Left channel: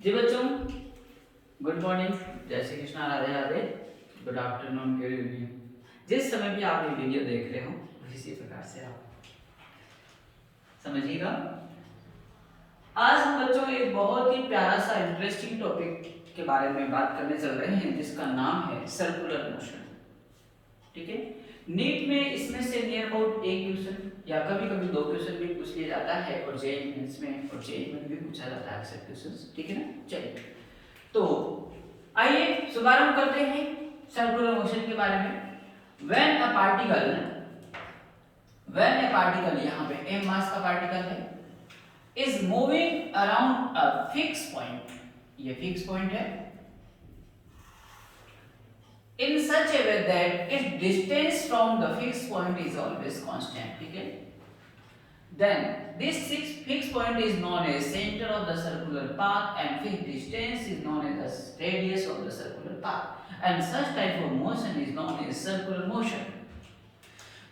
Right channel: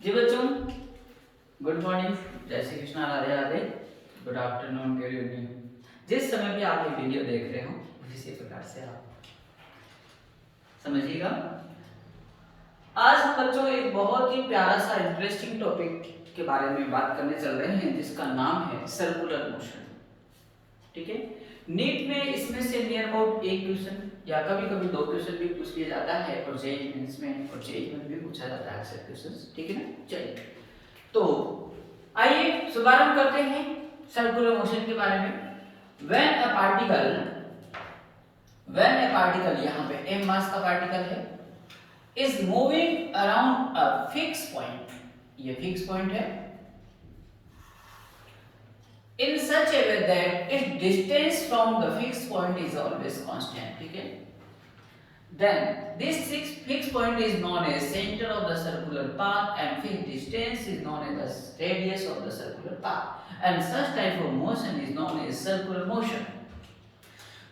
जी बच्चों, good morning, जय Shri Krishna, Radhe Radhe, good afternoon, good evening. जिस समय भी आप ये वीडियो देख रहे हो इसी प्रकार से आप समझिएगा। आज हम बच्चों एक बहुत ही प्यारा सा इंटरेस्टिंग टॉपिक के बारे में बात करने चल रहे हैं जिसका नाम है सर्कुलर मोशन। ठीक है, नीट में इसमें से नियर अबाउट एक क्वेश्चन या कभी कभी दो क्वेश्चन भी पूछ लिया जाता है और जेईई मेंस में और जेईई में भी पूछा जाता है अक्सर क्वेश्चंस। ठीक है ना, चलिए तो आइए शुभारंभ करते हैं सर्कुलर मोशन के बारे में। व्हेन अ पार्टिकल यहाँ पे m मास का पार्टिकल है is moving around a fix point, ये फिक्स पॉइंट है, in such a way that its distance from the fixed point is always constant. ठीक है, then this fixed point is known as center of the circular path and fixed distance is known as the radius of the circular path and such type of motion is known as circular motion.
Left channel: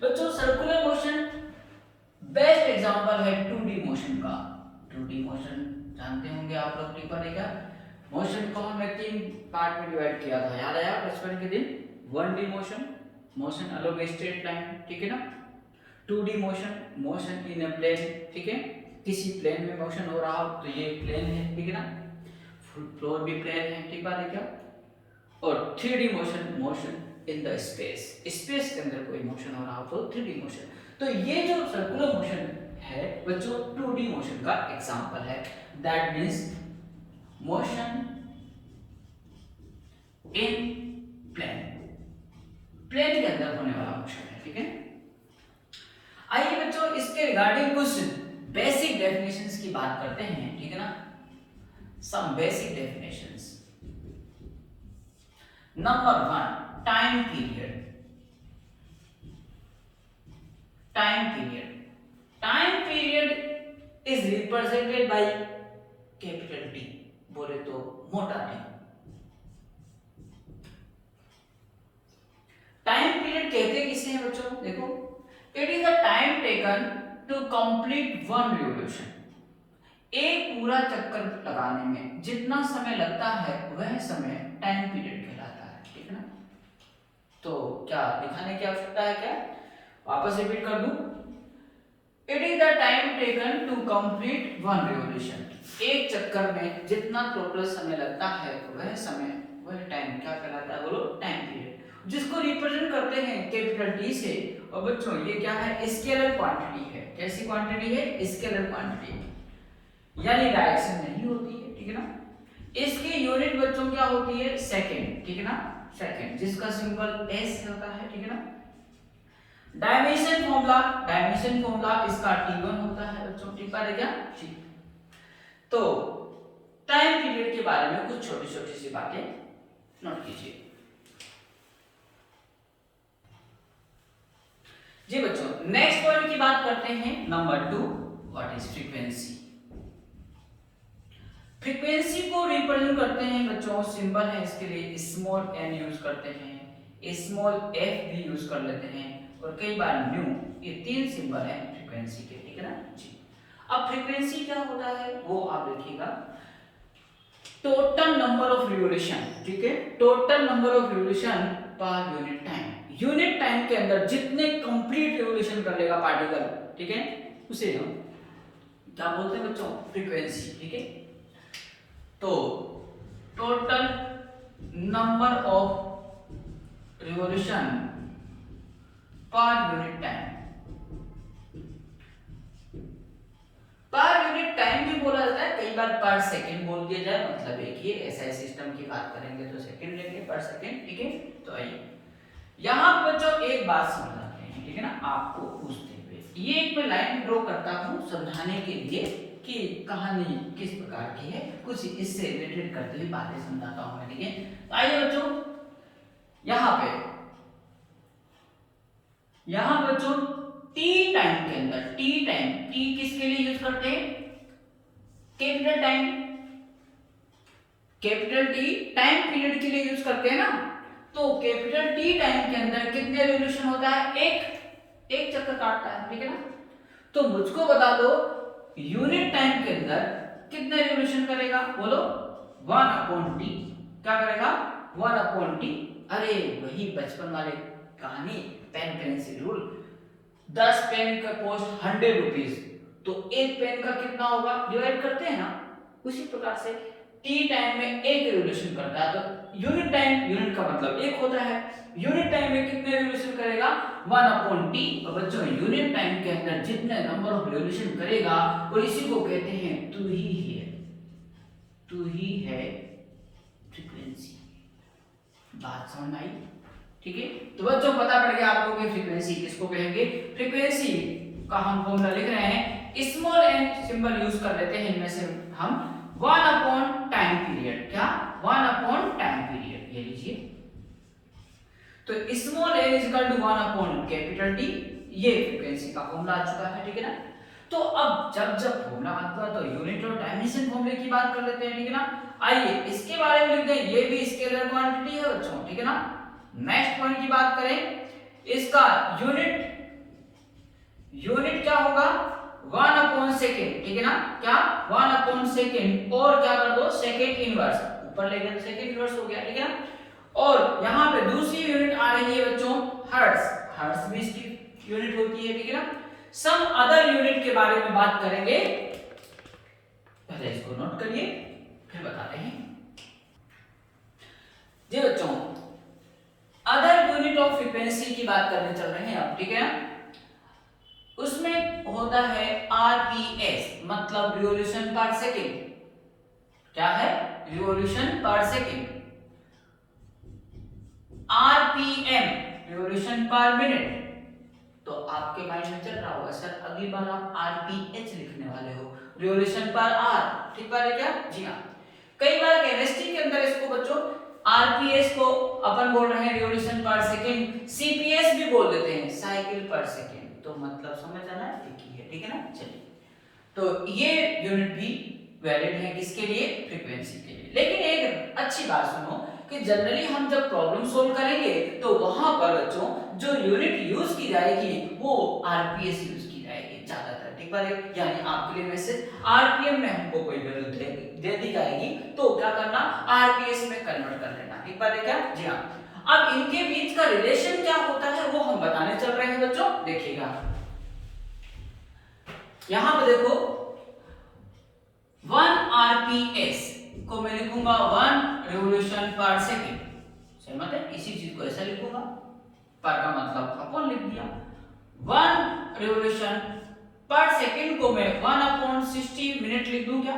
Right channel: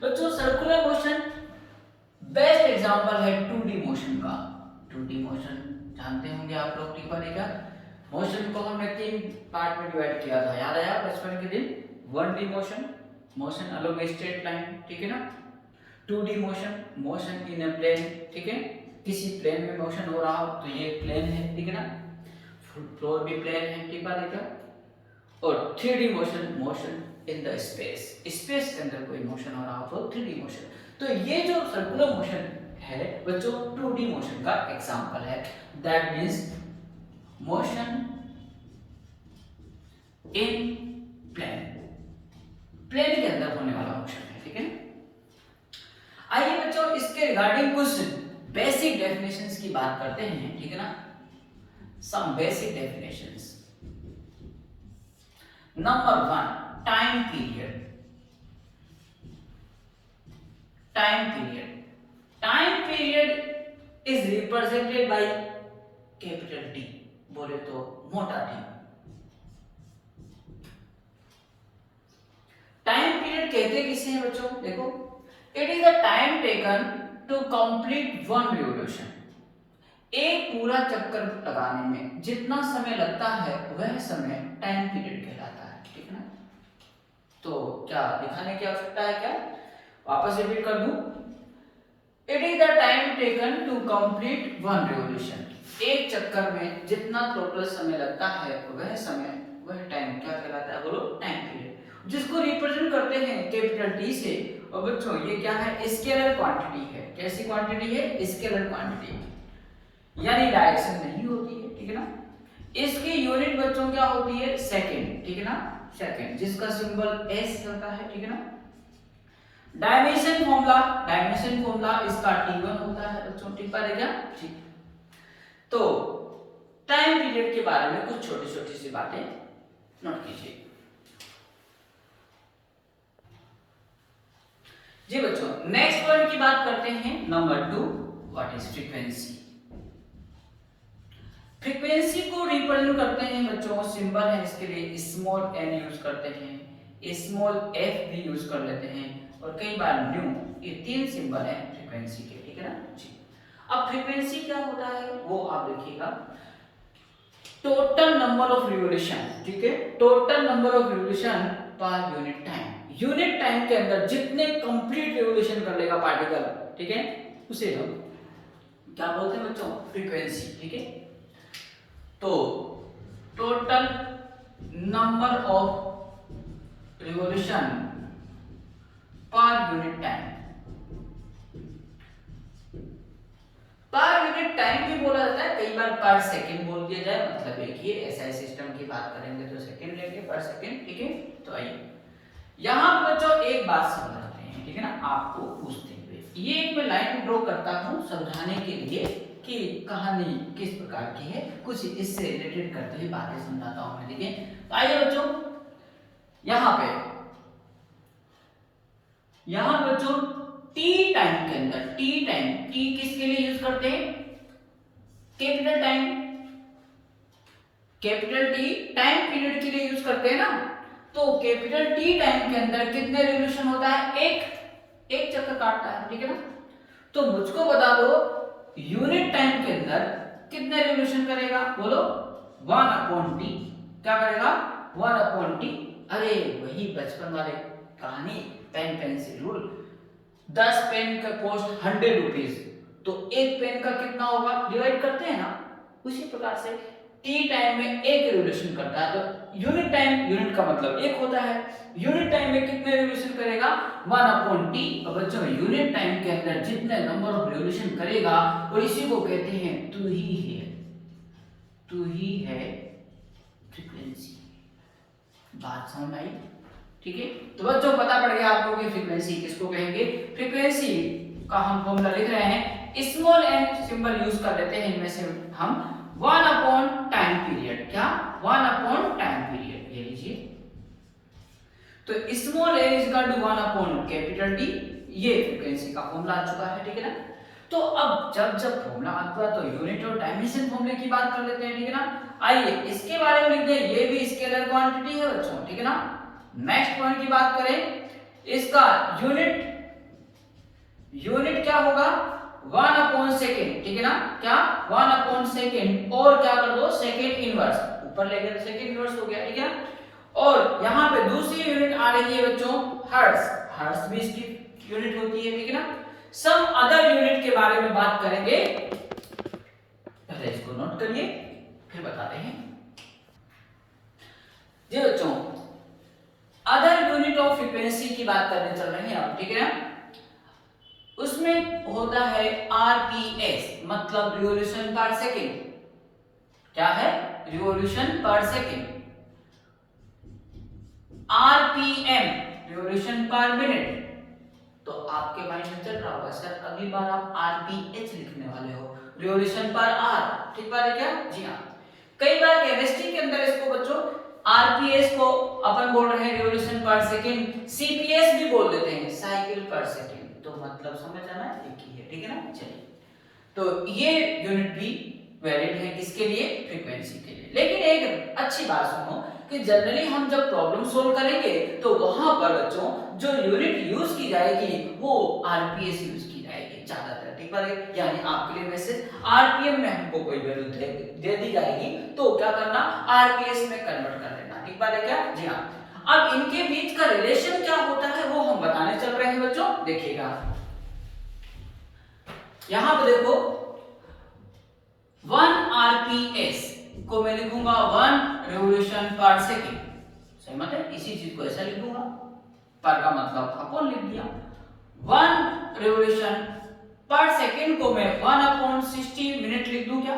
बच्चों circular motion best example है 2D motion का। 2D motion जानते होंगे आप लोग, टिप्पा देखा। Motion को हमने तीन पार्ट में डिवाइड किया था, याद आया बचपन के दिन। 1D motion, motion along a straight line, ठीक है ना। 2D motion, motion in a plane, ठीक है, किसी प्लेन में मोशन हो रहा हो तो ये प्लेन है, ठीक है ना, फ्लोर भी प्लेन है, ठीक है देखा। और 3D motion, motion in the space, space के अंदर कोई मोशन हो रहा हो तो 3D मोशन। तो ये जो सर्कुलर मोशन है बच्चों 2D मोशन का एग्जांपल है। That means motion in plane, plane के अंदर होने वाला मोशन है, ठीक है। आइए बच्चों इसके रिगार्डिंग कुछ बेसिक डेफिनेशंस की बात करते हैं, ठीक है ना। Some basic definitions. Number 1, time period. Time period, time period is represented by capital T, बोले तो मोटा टी। टाइम पीरियड कहते किसे हैं बच्चों, देखो, it is the time taken to complete one revolution. एक पूरा चक्कर लगाने में जितना समय लगता है वह समय टाइम पीरियड कहलाता है, ठीक है ना। तो क्या दिखाने की आवश्यकता है क्या, वापस रिपीट कर दूं। It is the time taken to complete one revolution, एक चक्कर में जितना टोटल समय लगता है वह समय, वह टाइम क्या कहलाता है, बोलो टाइम पीरियड, जिसको रिप्रेजेंट करते हैं कैपिटल टी से। और बच्चों ये क्या है, स्केलर क्वांटिटी है। कैसी क्वांटिटी है, स्केलर क्वांटिटी, यानी डायरेक्शन नहीं होती है, ठीक है ना। इसकी यूनिट बच्चों क्या होती है, सेकंड, ठीक है ना, सेकंड, जिसका सिंबल एस होता है, ठीक है ना। डायमेंशन फॉर्मूला इसका T1 होता है बच्चों, ठीक है क्या, ठीक। तो टाइम पीरियड के बारे में कुछ छोटी छोटी सी बातें नोट कीजिए। जी बच्चों नेक्स्ट पॉइंट की बात करते हैं, number 2, what is frequency. Frequency को रिप्रेजेंट करते हैं बच्चों, सिंबल है इसके लिए स्मॉल n यूज करते हैं, स्मॉल f भी यूज कर लेते हैं और कई बार न्यू, ये तीन सिंबल है फ्रीक्वेंसी के, ठीक है ना जी। अब फ्रीक्वेंसी क्या होता है वो आप देखिएगा, टोटल नंबर ऑफ रिवोल्यूशन, ठीक है, total number of revolution per unit time. Unit time के अंदर जितने कंप्लीट रिवोल्यूशन कर लेगा पार्टिकल, ठीक है, उसे हम क्या बोलते हैं बच्चों, फ्रीक्वेंसी, ठीक है। तो total number of revolution per unit time, per unit time भी बोला जाता है, कई बार पर सेकंड बोल दिया जाए, मतलब एक ही ऐसा सिस्टम की बात करेंगे तो सेकंड लेंगे, पर सेकंड, ठीक है। तो आइए यहां पर बच्चों एक बात समझाते हैं, ठीक है ना, आपको पूछते हुए ये एक मैं लाइन ड्रॉ करता हूं समझाने के लिए कि कहानी किस प्रकार की है, कुछ इससे रिलेटेड करते हुए बातें समझाता हूं मैं, ठीक है। तो आइए बच्चों यहां बच्चों टी टाइम के अंदर, टी टाइम, टी किसके लिए यूज करते हैं, capital time, capital T time period के लिए यूज करते हैं ना। तो कैपिटल टी टाइम के अंदर कितने रिवोल्यूशन होता है, एक चक्कर काटता है, ठीक है ना। तो मुझको बता दो यूनिट टाइम के अंदर कितने रिवोल्यूशन करेगा बोलो 1/t। क्या करेगा 1/t। अरे वही बचपन वाले कहानी, पेन पेंसिल रूल। 10 पेन का कॉस्ट 100 रुपीज, तो एक पेन का कितना होगा डिवाइड करते हैं ना, उसी प्रकार से टी टाइम में एक रिवोल्यूशन करता है तो यूनिट टाइम, यूनिट का मतलब एक होता है, यूनिट टाइम में कितने रिवोल्यूशन करेगा 1/t। और बच्चों यूनिट टाइम के अंदर जितने नंबर ऑफ रिवोल्यूशन करेगा और इसी को कहते हैं तू ही है फ्रीक्वेंसी। बात समझ आई? ठीक है, तो बच्चों पता पड़ गया आपको कि फ्रीक्वेंसी किसको कहेंगे। फ्रीक्वेंसी का हम फॉर्मूला लिख रहे हैं, स्मॉल एन सिंबल यूज कर लेते हैं इनमें से हम 1/टाइम पीरियड। क्या 1/टाइम पीरियड, ये लीजिए। तो small N is equal to 1/कैपिटल टी, ये फ्रीक्वेंसी का फॉर्मूला आ चुका है। ठीक है ना, तो अब जब फॉर्मूला आता है तो यूनिट और डायमेंशन फॉर्मूले की बात कर लेते हैं। ठीक है ना, आइए इसके बारे में लिख दें, ये भी स्केलर क्वांटिटी है बच्चों। ठीक है ना, नेक्स्ट पॉइंट की बात करें, इसका यूनिट क्या होगा 1/सेकेंड। ठीक है ना, क्या 1/सेकेंड, और क्या कर दो सेकेंड इनवर्स, ऊपर लेकर सेकेंड इनवर्स हो गया। ठीक है ना, और यहां पे दूसरी यूनिट आ रही है बच्चों हर्ट्ज, हर्ट्ज भी इसकी यूनिट होती है। ठीक है ना, सम अदर यूनिट के बारे में बात करेंगे, पहले इसको नोट करिए फिर बताते हैं जी बच्चों। अदर यूनिट ऑफ फ्रीक्वेंसी की बात करने चल रहे हैं आप। ठीक है ना, उसमें होता है आरपीएस, मतलब रिवॉल्यूशन पर सेकेंड। क्या है रिवॉल्यूशन पर सेकेंड। आरपीएम रिवॉल्यूशन पर मिनट। तो आपके माइंड में चल रहा होगा सर अगली बार आप आरपीएच लिखने वाले हो, रिवॉल्यूशन पर आर। ठीक बात है क्या? जी हाँ, कई बार केमिस्ट्री के अंदर इसको बच्चों आरपीएस को अपन बोल रहे हैं रिवॉल्यूशन पर सेकंड, सीपीएस भी बोल देते हैं साइकिल पर सेकंड, तो मतलब समझ आना एक ही है। ठीक है ना, चलिए तो ये यूनिट भी वैलिड है किसके लिए, फ्रीक्वेंसी के लिए। लेकिन एक अच्छी बात सुनो कि जनरली हम जब प्रॉब्लम सोल्व करेंगे तो वहां पर बच्चों जो यूनिट यूज की जाएगी वो आरपीएस यूज की जाएगी ज्यादातर। ठीक है, यानी आपके लिए मैसेज आरपीएम में हमको कोई वैल्यू दे दी जाएगी तो क्या करना आरपीएस में कन्वर्ट कर लेना। ठीक बात है क्या? जी हाँ। अब इनके बीच का रिलेशन क्या होता है वो हम बताने चल रहे हैं बच्चों, देखिएगा यहां पे देखो 1 आरपीएस को मैं लिखूंगा 1 रिवॉल्यूशन पर सेकेंड। सही मत है, इसी चीज को ऐसा लिखूंगा, पर का मतलब अपॉन लिख दिया। 1 रिवॉल्यूशन पर सेकेंड को मैं 1/60 मिनट लिख दूं क्या?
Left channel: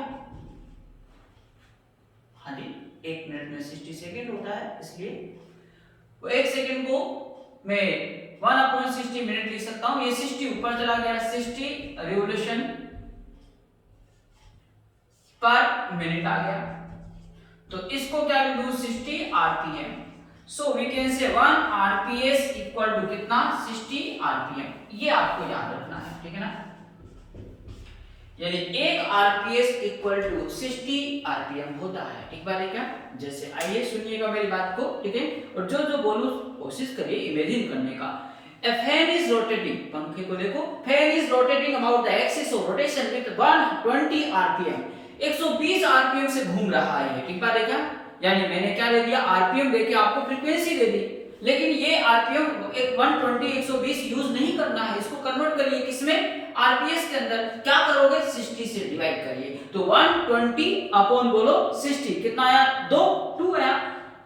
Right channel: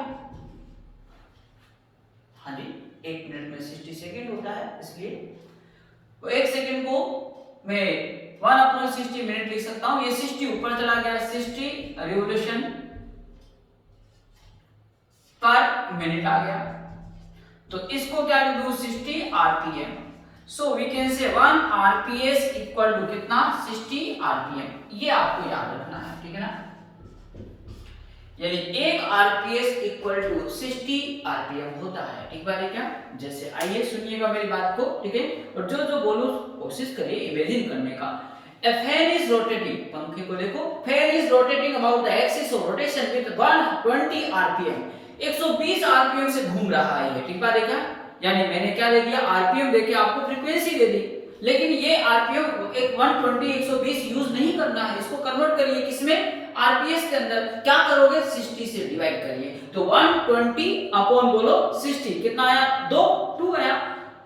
हाँ जी, 1 मिनट में 60 सेकेंड होता है, इसलिए वो 1 सेकेंड को मैं 1/60 मिनट लिख सकता हूं। ये 60 ऊपर चला गया, 60 रिवॉल्यूशन पर मिनट आ गया, तो इसको क्या लिख दूं 60 RPM. So we can say 1 RPS equal to कितना 60 आरपीएम। ये आपको याद रखना है। ठीक है ना, यानी 1 आरपीएस इक्वल टू 60 आरपीएम होता है। ठीक बात है क्या? जैसे आइए सुनिएगा मेरी बात को। ठीक है, और जो जो बोलूं कोशिश करिए इमेजिन करने का। A fan is rotating, पंखे को देखो, fan is rotating about the axis of rotation with 120 rpm, 120 RPM से घूम रहा है ये। ठीक बात है क्या? यानी मैंने क्या दे दिया आरपीएम देके आपको फ्रीक्वेंसी दे दी, लेकिन ये आरपीएम 120 120 यूज नहीं करना है, इसको कन्वर्ट करिए किसमें आरपीएस के अंदर। क्या करोगे 60 से डिवाइड करिए, तो 120 अपॉन बोलो 60 कितना आया 2 आया,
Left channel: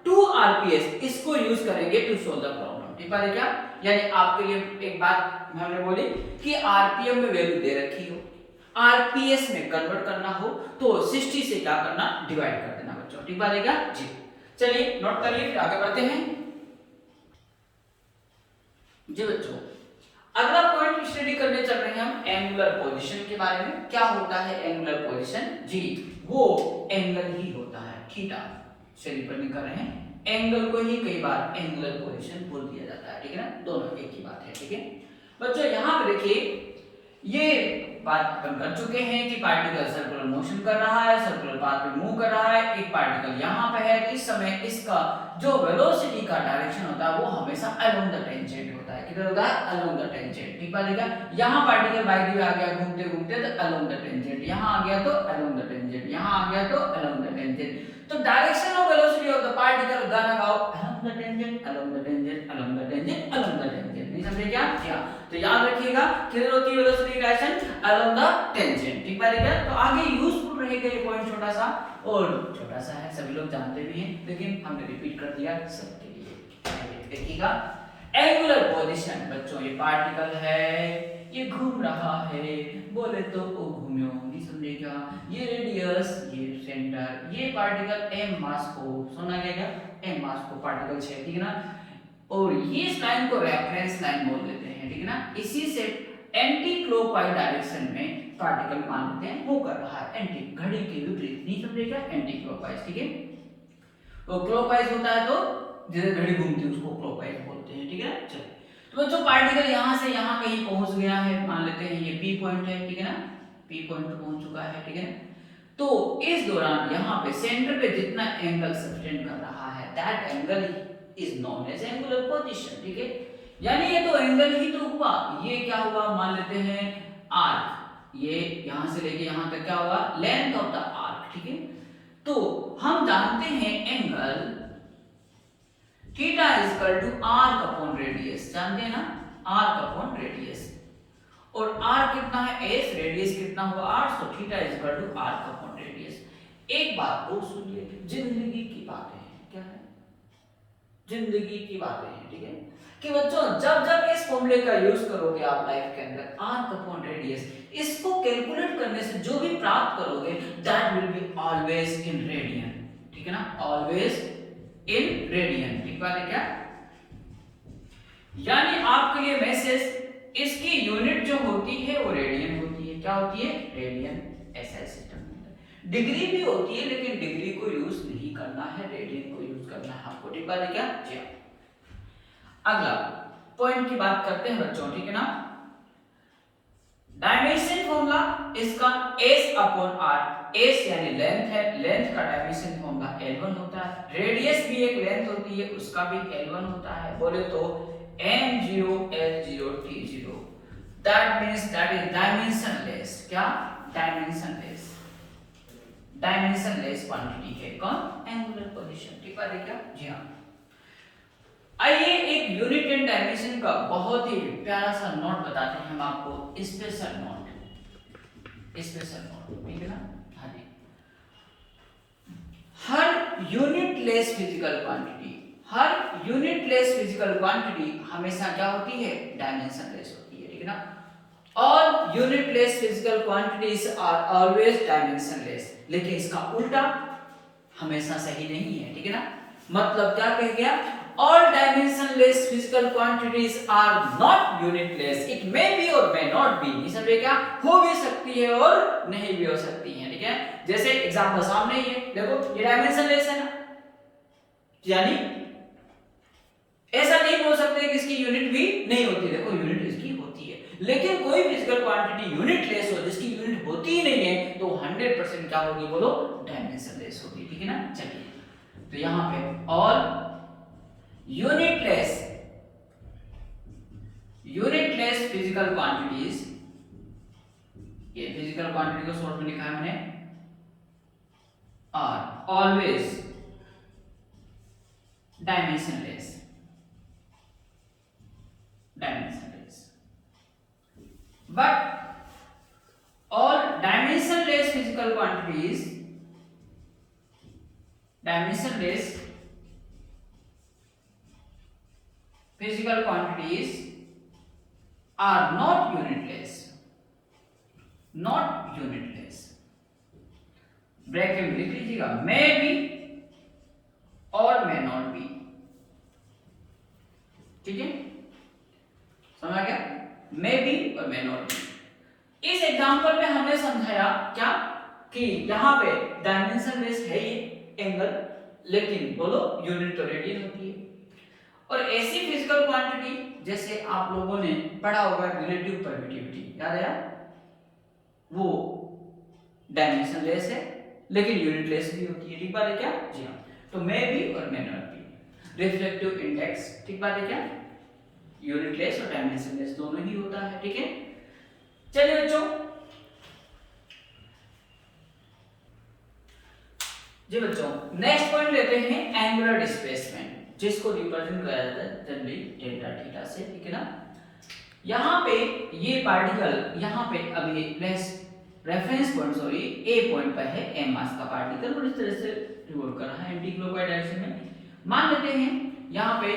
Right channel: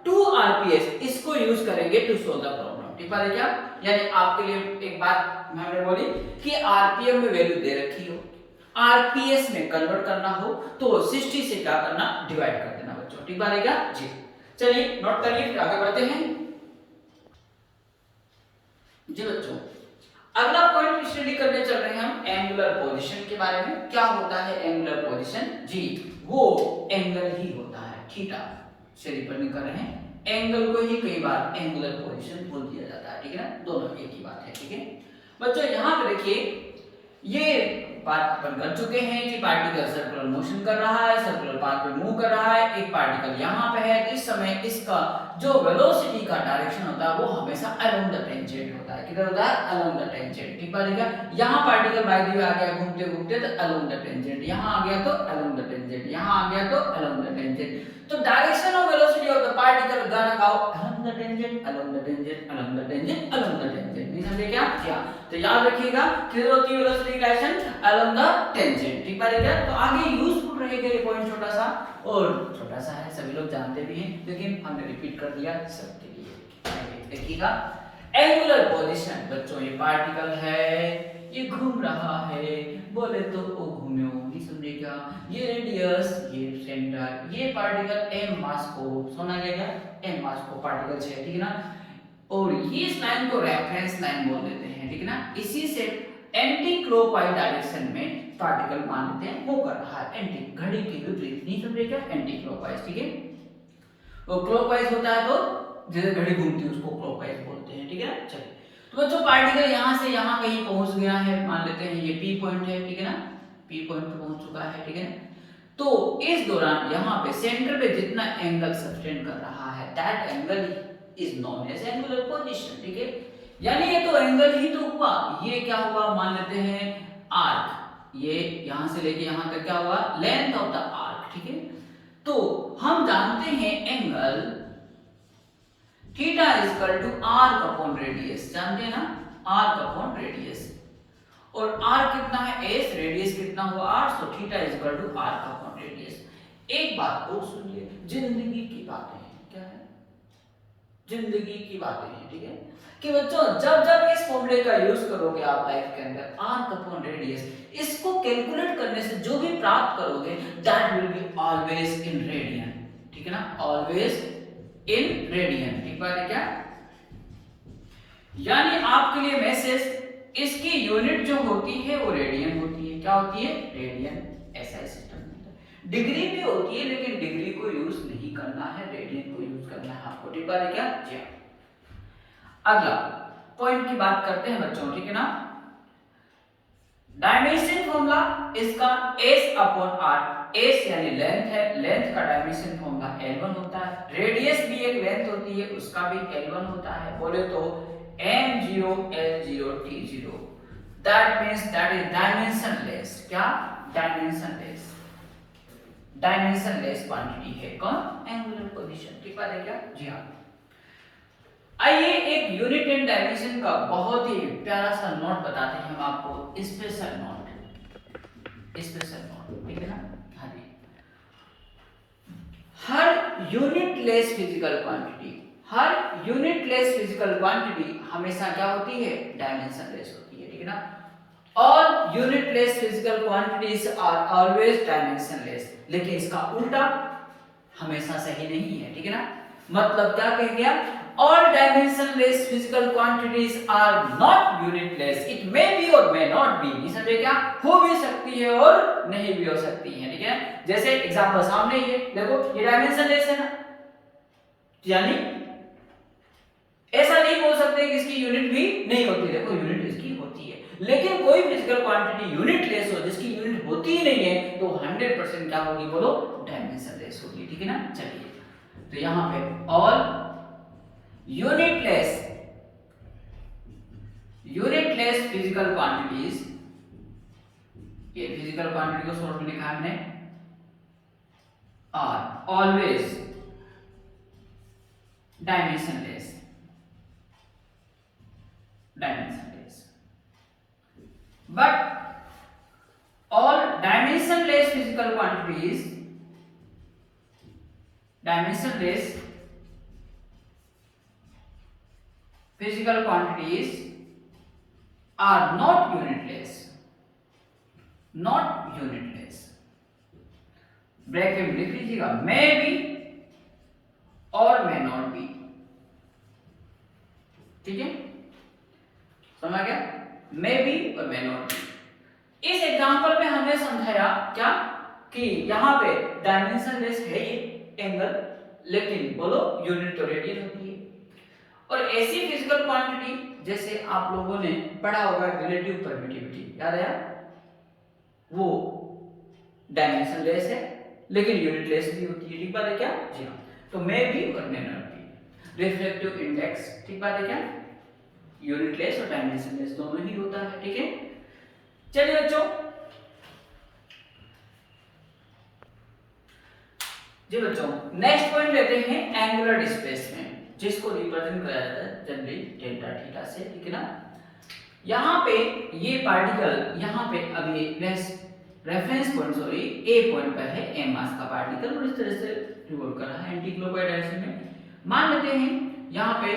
2 आरपीएस इसको यूज करेंगे टू सोल्व द प्रॉब्लम। ठीक बात है क्या? यानी आपके लिए एक बात मैंने बोली कि आरपीएम में वैल्यू दे रखी हो, आरपीएस में कन्वर्ट करना हो तो 60 से क्या करना डिवाइड कर देना बच्चों। ठीक बात है क्या? जी चलिए नोट करिए फिर आगे बढ़ते हैं जी बच्चों। अगला पॉइंट स्टडी करने चल रहे हैं हम एंगुलर पोजीशन के बारे में। क्या होता है एंगुलर पोजीशन? जी वो एंगल ही होता है थीटा से रिप्रेजेंट कर रहे हैं, एंगल को ही कई बार एंगुलर पोजीशन बोल दिया जाता है। ठीक है ना, दोनों एक ही बात है। ठीक है बच्चों, यहां पे देखिए ये बात अपन कर चुके हैं कि पार्टिकल सर्कुलर मोशन कर रहा है, सर्कुलर पाथ पे मूव कर रहा है, एक पार्टिकल यहाँ पे है, इस समय इसका जो वेलोसिटी का डायरेक्शन होता है वो हमेशा अलोंग द टेंजेंट होता है। किधर होता है? Along the tangent. ठीक बात है क्या? यहाँ पार्टिकल बाय द वे आ गया घूमते घूमते तो अलोंग द टेंजेंट, यहाँ आ गया तो अलोंग द टेंजेंट, यहाँ आ गया तो अलोंग द टेंजेंट। तो direction of velocity of the particle गाना गाओ along the tangent, along the tangent, along the tangent, along the tangent. नहीं समझे क्या? क्या? तो याद रखिएगा किधर होती है velocity direction? Along the tangent. ठीक बात है क्या? तो आगे यूजफुल रहेगा ये पॉइंट छोटा सा, और छोटा सा है सभी लोग जानते भी हैं, लेकिन हमने रिपीट कर दिया सबके लिए। देखिएगा एंगुलर पोजीशन बच्चों, ये पार्टिकल है, ये घूम रहा है, बोले तो वो घूम्यो, नहीं समझे क्या? ये रेडियस, ये सेंटर, ये पार्टिकल एम मास को, सुना गया क्या? एम मास को पार्टिकल है, ठीक है ना? और ये इस लाइन को रेफरेंस लाइन बोल देते हैं, ठीक है ना? इसी से एंटी क्लॉकवाइज डायरेक्शन में पार्टिकल मान लेते हैं वो कर रहा है, एंटी घड़ी के विपरीत, नहीं समझे क्या? एंटी क्लॉकवाइज, ठीक है? वो क्लॉकवाइज होता है तो जैसे घड़ी घूमती है उसको क्लॉकवाइज बोलते हैं, ठीक है ना? चलिए, तो बच्चों पार्टिकल यहाँ से यहाँ कहीं पहुंच गया है, मान लेते हैं ये पी पॉइंट है, ठीक है ना? पी पॉइंट पे पहुंच चुका है, ठीक है ना? तो इस दौरान यहाँ पे सेंटर पे जितना एंगल सब्टेंड कर रहा है that angle is known as angular position, ठीक है? यानी ये तो एंगल ही तो हुआ, ये क्या हुआ मान लेते हैं आर्क, ये यहां से लेके यहां तक क्या हुआ? लेंथ ऑफ द आर्क, ठीक है? तो हम जानते हैं angle theta is equal to arc upon radius, जानते हैं ना? आर्क अपॉन रेडियस, और आर कितना है? एस, रेडियस कितना हुआ? R, so theta is equal to arc upon radius. एक बात और सुनिए, जिंदगी की बातें हैं, क्या है? जिंदगी की बातें हैं, ठीक है? कि बच्चों जब जब इस फॉर्मूले का यूज करोगे आप लाइफ के अंदर, आर्क अपॉन रेडियस, इसको कैलकुलेट करने से जो भी प्राप्त करोगे that will be always in radian, ठीक है ना? ऑलवेज इन रेडियन, ठीक बात है क्या? यानी आपके लिए मैसेज, इसकी यूनिट जो होती है वो रेडियन होती है। क्या होती है? रेडियन। ऐसा है सिस्टम में। डिग्री भी होती है लेकिन डिग्री को यूज नहीं करना है, रेडियन को यूज करना है आपको, ठीक बात है क्या? जी। अगला पॉइंट की बात करते हैं बच्चों, ठीक है ना? डायमेंशन फॉर्मूला इसका s अपॉन r, s यानी लेंथ है, लेंथ का डायमेंशन फॉर्मूला l1 होता है, रेडियस भी एक लेंथ होती है उसका भी l1 होता है, बोले तो m0 l0 t0, that means that is dimensionless. क्या? डायमेंशनलेस, डायमेंशनलेस क्वांटिटी है कौन? एंगुलर पोजीशन, ठीक बात है क्या? जी हां। आइए एक यूनिट एंड डायमेंशन का बहुत ही प्यारा सा नोट बताते हैं हम आपको, स्पेशल नोट, स्पेशल नोट, ठीक है ना? हाँ जी। हर यूनिटलेस फिजिकल क्वांटिटी, हर यूनिटलेस फिजिकल क्वांटिटी हमेशा क्या होती है? डायमेंशनलेस होती है, ठीक है ना? All unitless physical quantities are always dimensionless, लेकिन इसका उल्टा हमेशा सही नहीं है, ठीक है ना? मतलब क्या कह गया? All dimensionless physical quantities are not unitless. It may be or may not be. नहीं समझे क्या? हो भी सकती है और नहीं भी हो सकती है, ठीक है? जैसे एग्जांपल सामने ही है, देखो ये डायमेंशनलेस है ना, यानी ऐसा नहीं बोल सकते कि इसकी यूनिट भी नहीं होती। देखो यूनिट इसकी होती है, लेकिन कोई फिजिकल क्वांटिटी यूनिटलेस हो जिसकी यूनिट होती ही नहीं है तो 100% क्या होगी? बोलो, डायमेंशनलेस होगी, ठीक है ना? चलिए, तो यहां पे ऑल यूनिटलेस फिजिकल क्वांटिटीज, ये फिजिकल क्वांटिटी को शॉर्ट में लिखा है हमने, are always dimensionless, dimensionless, but all dimensionless physical quantities, dimensionless physical quantities are not unitless, not unitless। Bracket में लिख लीजिएगा, may be और may not be, ठीक है? समझ गया? मे बी और मे नॉट बी। इस एग्जांपल में हमने समझाया क्या कि यहाँ पे डायमेंशनलेस है ये एंगल, लेकिन बोलो यूनिट तो रेडियन होती है। और ऐसी फिजिकल क्वांटिटी जैसे आप लोगों ने पढ़ा होगा रिलेटिव परमिटिविटी, याद है? वो डायमेंशनलेस है, लेकिन यूनिटलेस भी होती है, ठीक बात है क्या? जी हाँ। तो मैं भी और मैं नॉट भी। रिफ्रैक्टिव इंडेक्स, ठीक बात है क्या? यूनिटलेस और डायमेंशनलेस दोनों ही होता है, ठीक है। चलिए बच्चों, जी बच्चों नेक्स्ट पॉइंट लेते हैं एंगुलर डिस्प्लेसमेंट, जिसको रिप्रेजेंट किया जाता है जनरली डेल्टा थीटा से, ठीक है ना। यहाँ पे ये पार्टिकल यहाँ पे अभी रेफरेंस पॉइंट सॉरी ए पॉइंट पर है एम मास का पार्टिकल और इस तरह से रिवॉल्व कर रहा है एंटी क्लॉकवाइज डायरेक्शन में। मान लेते हैं यहाँ पे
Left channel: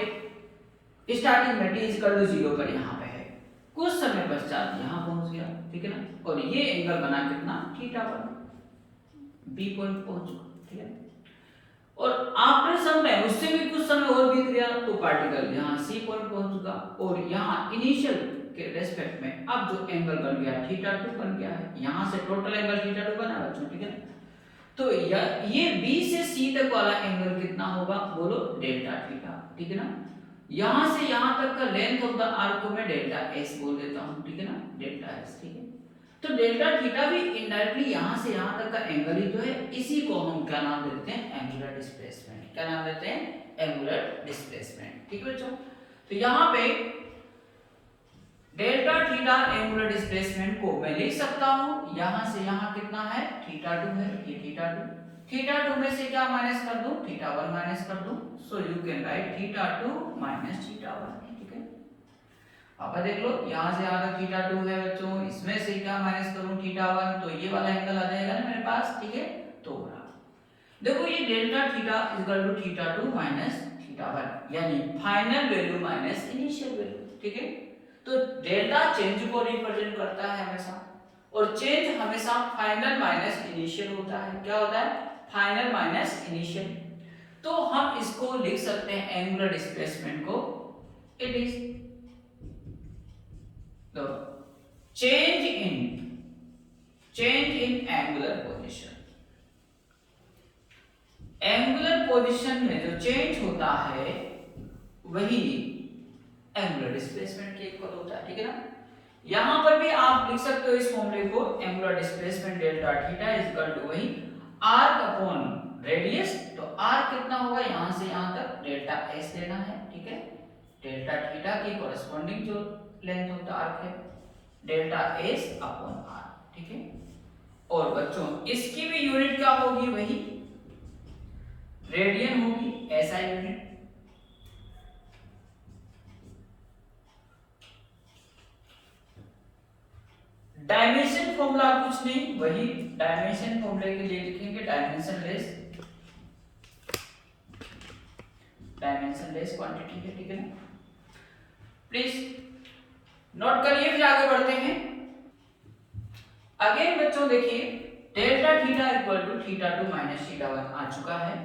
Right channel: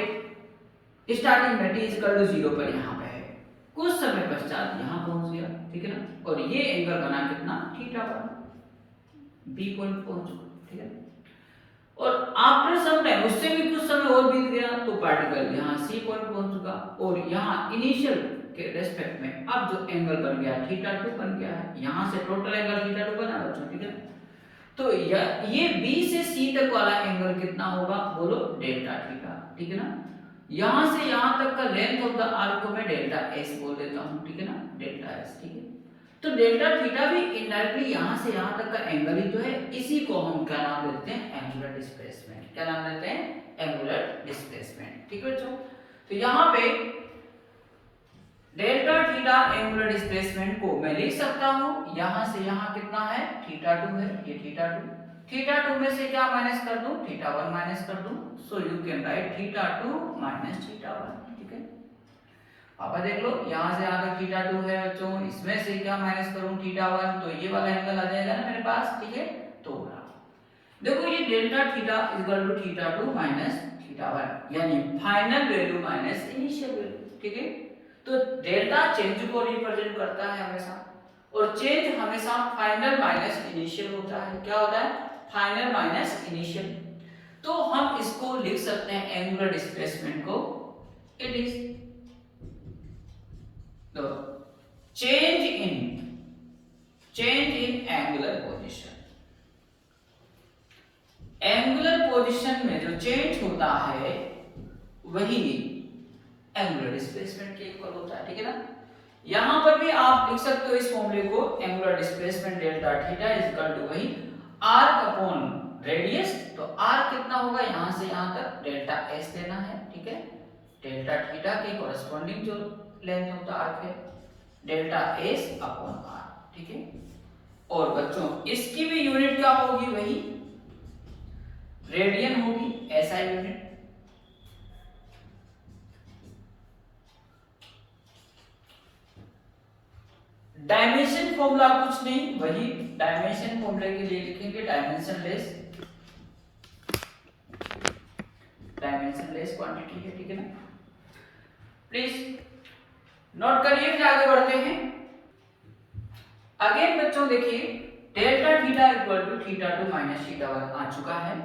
स्टार्टिंग में t इक्वल टू 0 पर यहाँ पे है, कुछ समय पश्चात यहाँ पहुंच गया, ठीक है ना, और ये एंगल बना कितना थीटा पर, बी पॉइंट पहुंच चुका, ठीक है। और आफ्टर सम टाइम उससे भी कुछ समय और बीत गया तो पार्टिकल यहाँ सी पॉइंट पहुंच चुका और यहाँ इनिशियल के रेस्पेक्ट में अब जो एंगल बन गया थीटा 2 बन गया है, यहाँ से टोटल एंगल थीटा 2 बना बच्चों, ठीक है। तो ये बी से सी तक वाला एंगल कितना होगा बोलो, डेल्टा थीटा, ठीक है ना। यहाँ से यहाँ तक का लेंथ ऑफ द आर्क को मैं डेल्टा एस बोल देता हूँ, ठीक है ना, डेल्टा एस, ठीक है। तो डेल्टा थीटा भी इनडायरेक्टली यहाँ से यहाँ तक का एंगल ही तो है, इसी को हम क्या नाम देते हैं, एंगुलर डिस्प्लेसमेंट। क्या नाम देते हैं, एंगुलर डिस्प्लेसमेंट, ठीक है बच्चों। तो यहाँ पे डेल्टा थीटा एंगुलर डिस्प्लेसमेंट को मैं लिख सकता हूँ, यहाँ से यहाँ कितना है थीटा 2 है, ये थीटा 2, थीटा 2 में से क्या माइनस कर दूं, थीटा 1 माइनस कर दूं, so you can write theta 2 minus theta 1, ठीक है। आप देख लो यहाँ से आगे थीटा 2 है बच्चों, इसमें से क्या माइनस करूं थीटा 1, तो ये वाला एंगल आ जाएगा ना मेरे पास, ठीक है। तो देखो ये delta theta equal to theta 2 minus theta 1, यानी final value minus initial value, ठीक है। तो डेल्टा चेंज को रिप्रेजेंट करता है हमेशा, और चेंज हमेशा फाइनल माइनस इनिशियल होता है। क्या होता है, फाइनल माइनस इनिशियल। तो हम इसको लिख सकते हैं एंगुलर डिस्प्लेसमेंट को, it is the change in angular position. Angular position में जो चेंज होता है वही एंगुलर डिस्प्लेसमेंट के इक्वल होता है, ठीक है ना। यहां पर भी आप लिख सकते हो इस फॉर्मूले को, angular displacement delta theta is equal to वही आर्क अपॉन रेडियस। तो आर्क कितना होगा, यहां से यहां तक डेल्टा एस लेना है, ठीक है। डेल्टा थीटा की कॉरेस्पॉन्डिंग जो लेंथ ऑफ द आर्क है डेल्टा एस अपॉन आर, ठीक है। और बच्चों इसकी भी यूनिट क्या होगी, वही रेडियन होगी, ऐसा यूनिट। डायमेंशन फॉर्मूला कुछ नहीं, वही डायमेंशन फॉर्मूले के लिए लिखेंगे डायमेंशनलेस क्वांटिटी है, ठीक है ना। प्लीज नोट करिए, फिर आगे बढ़ते हैं। अगेन बच्चों देखिए delta theta equal to theta 2 minus theta 1 आ चुका है।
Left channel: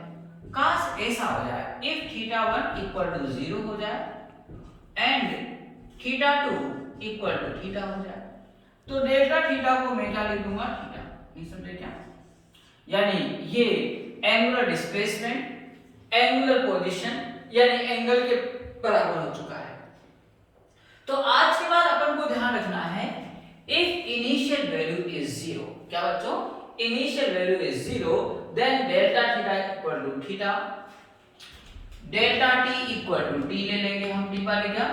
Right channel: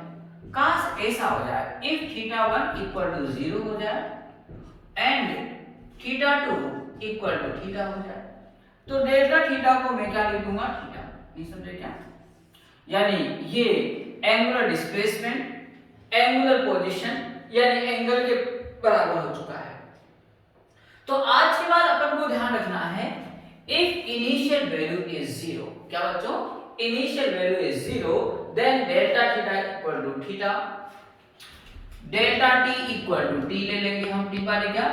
काश ऐसा हो जाए, इफ थीटा 1 इक्वल टू 0 हो जाए and theta 2 equal to theta हो जाए, तो डेल्टा थीटा को मैं क्या लिख दूंगा, थीटा। नहीं समझे क्या, यानी ये एंगुलर डिस्प्लेसमेंट एंगुलर पोजीशन यानी एंगल के बराबर हो चुका है। तो आज के बाद अपन को ध्यान रखना है, इफ इनिशियल वैल्यू इज 0, क्या बच्चों, initial value is 0, then delta theta equal to theta, delta t equal to t ले लेंगे हम, टी पा लेगा,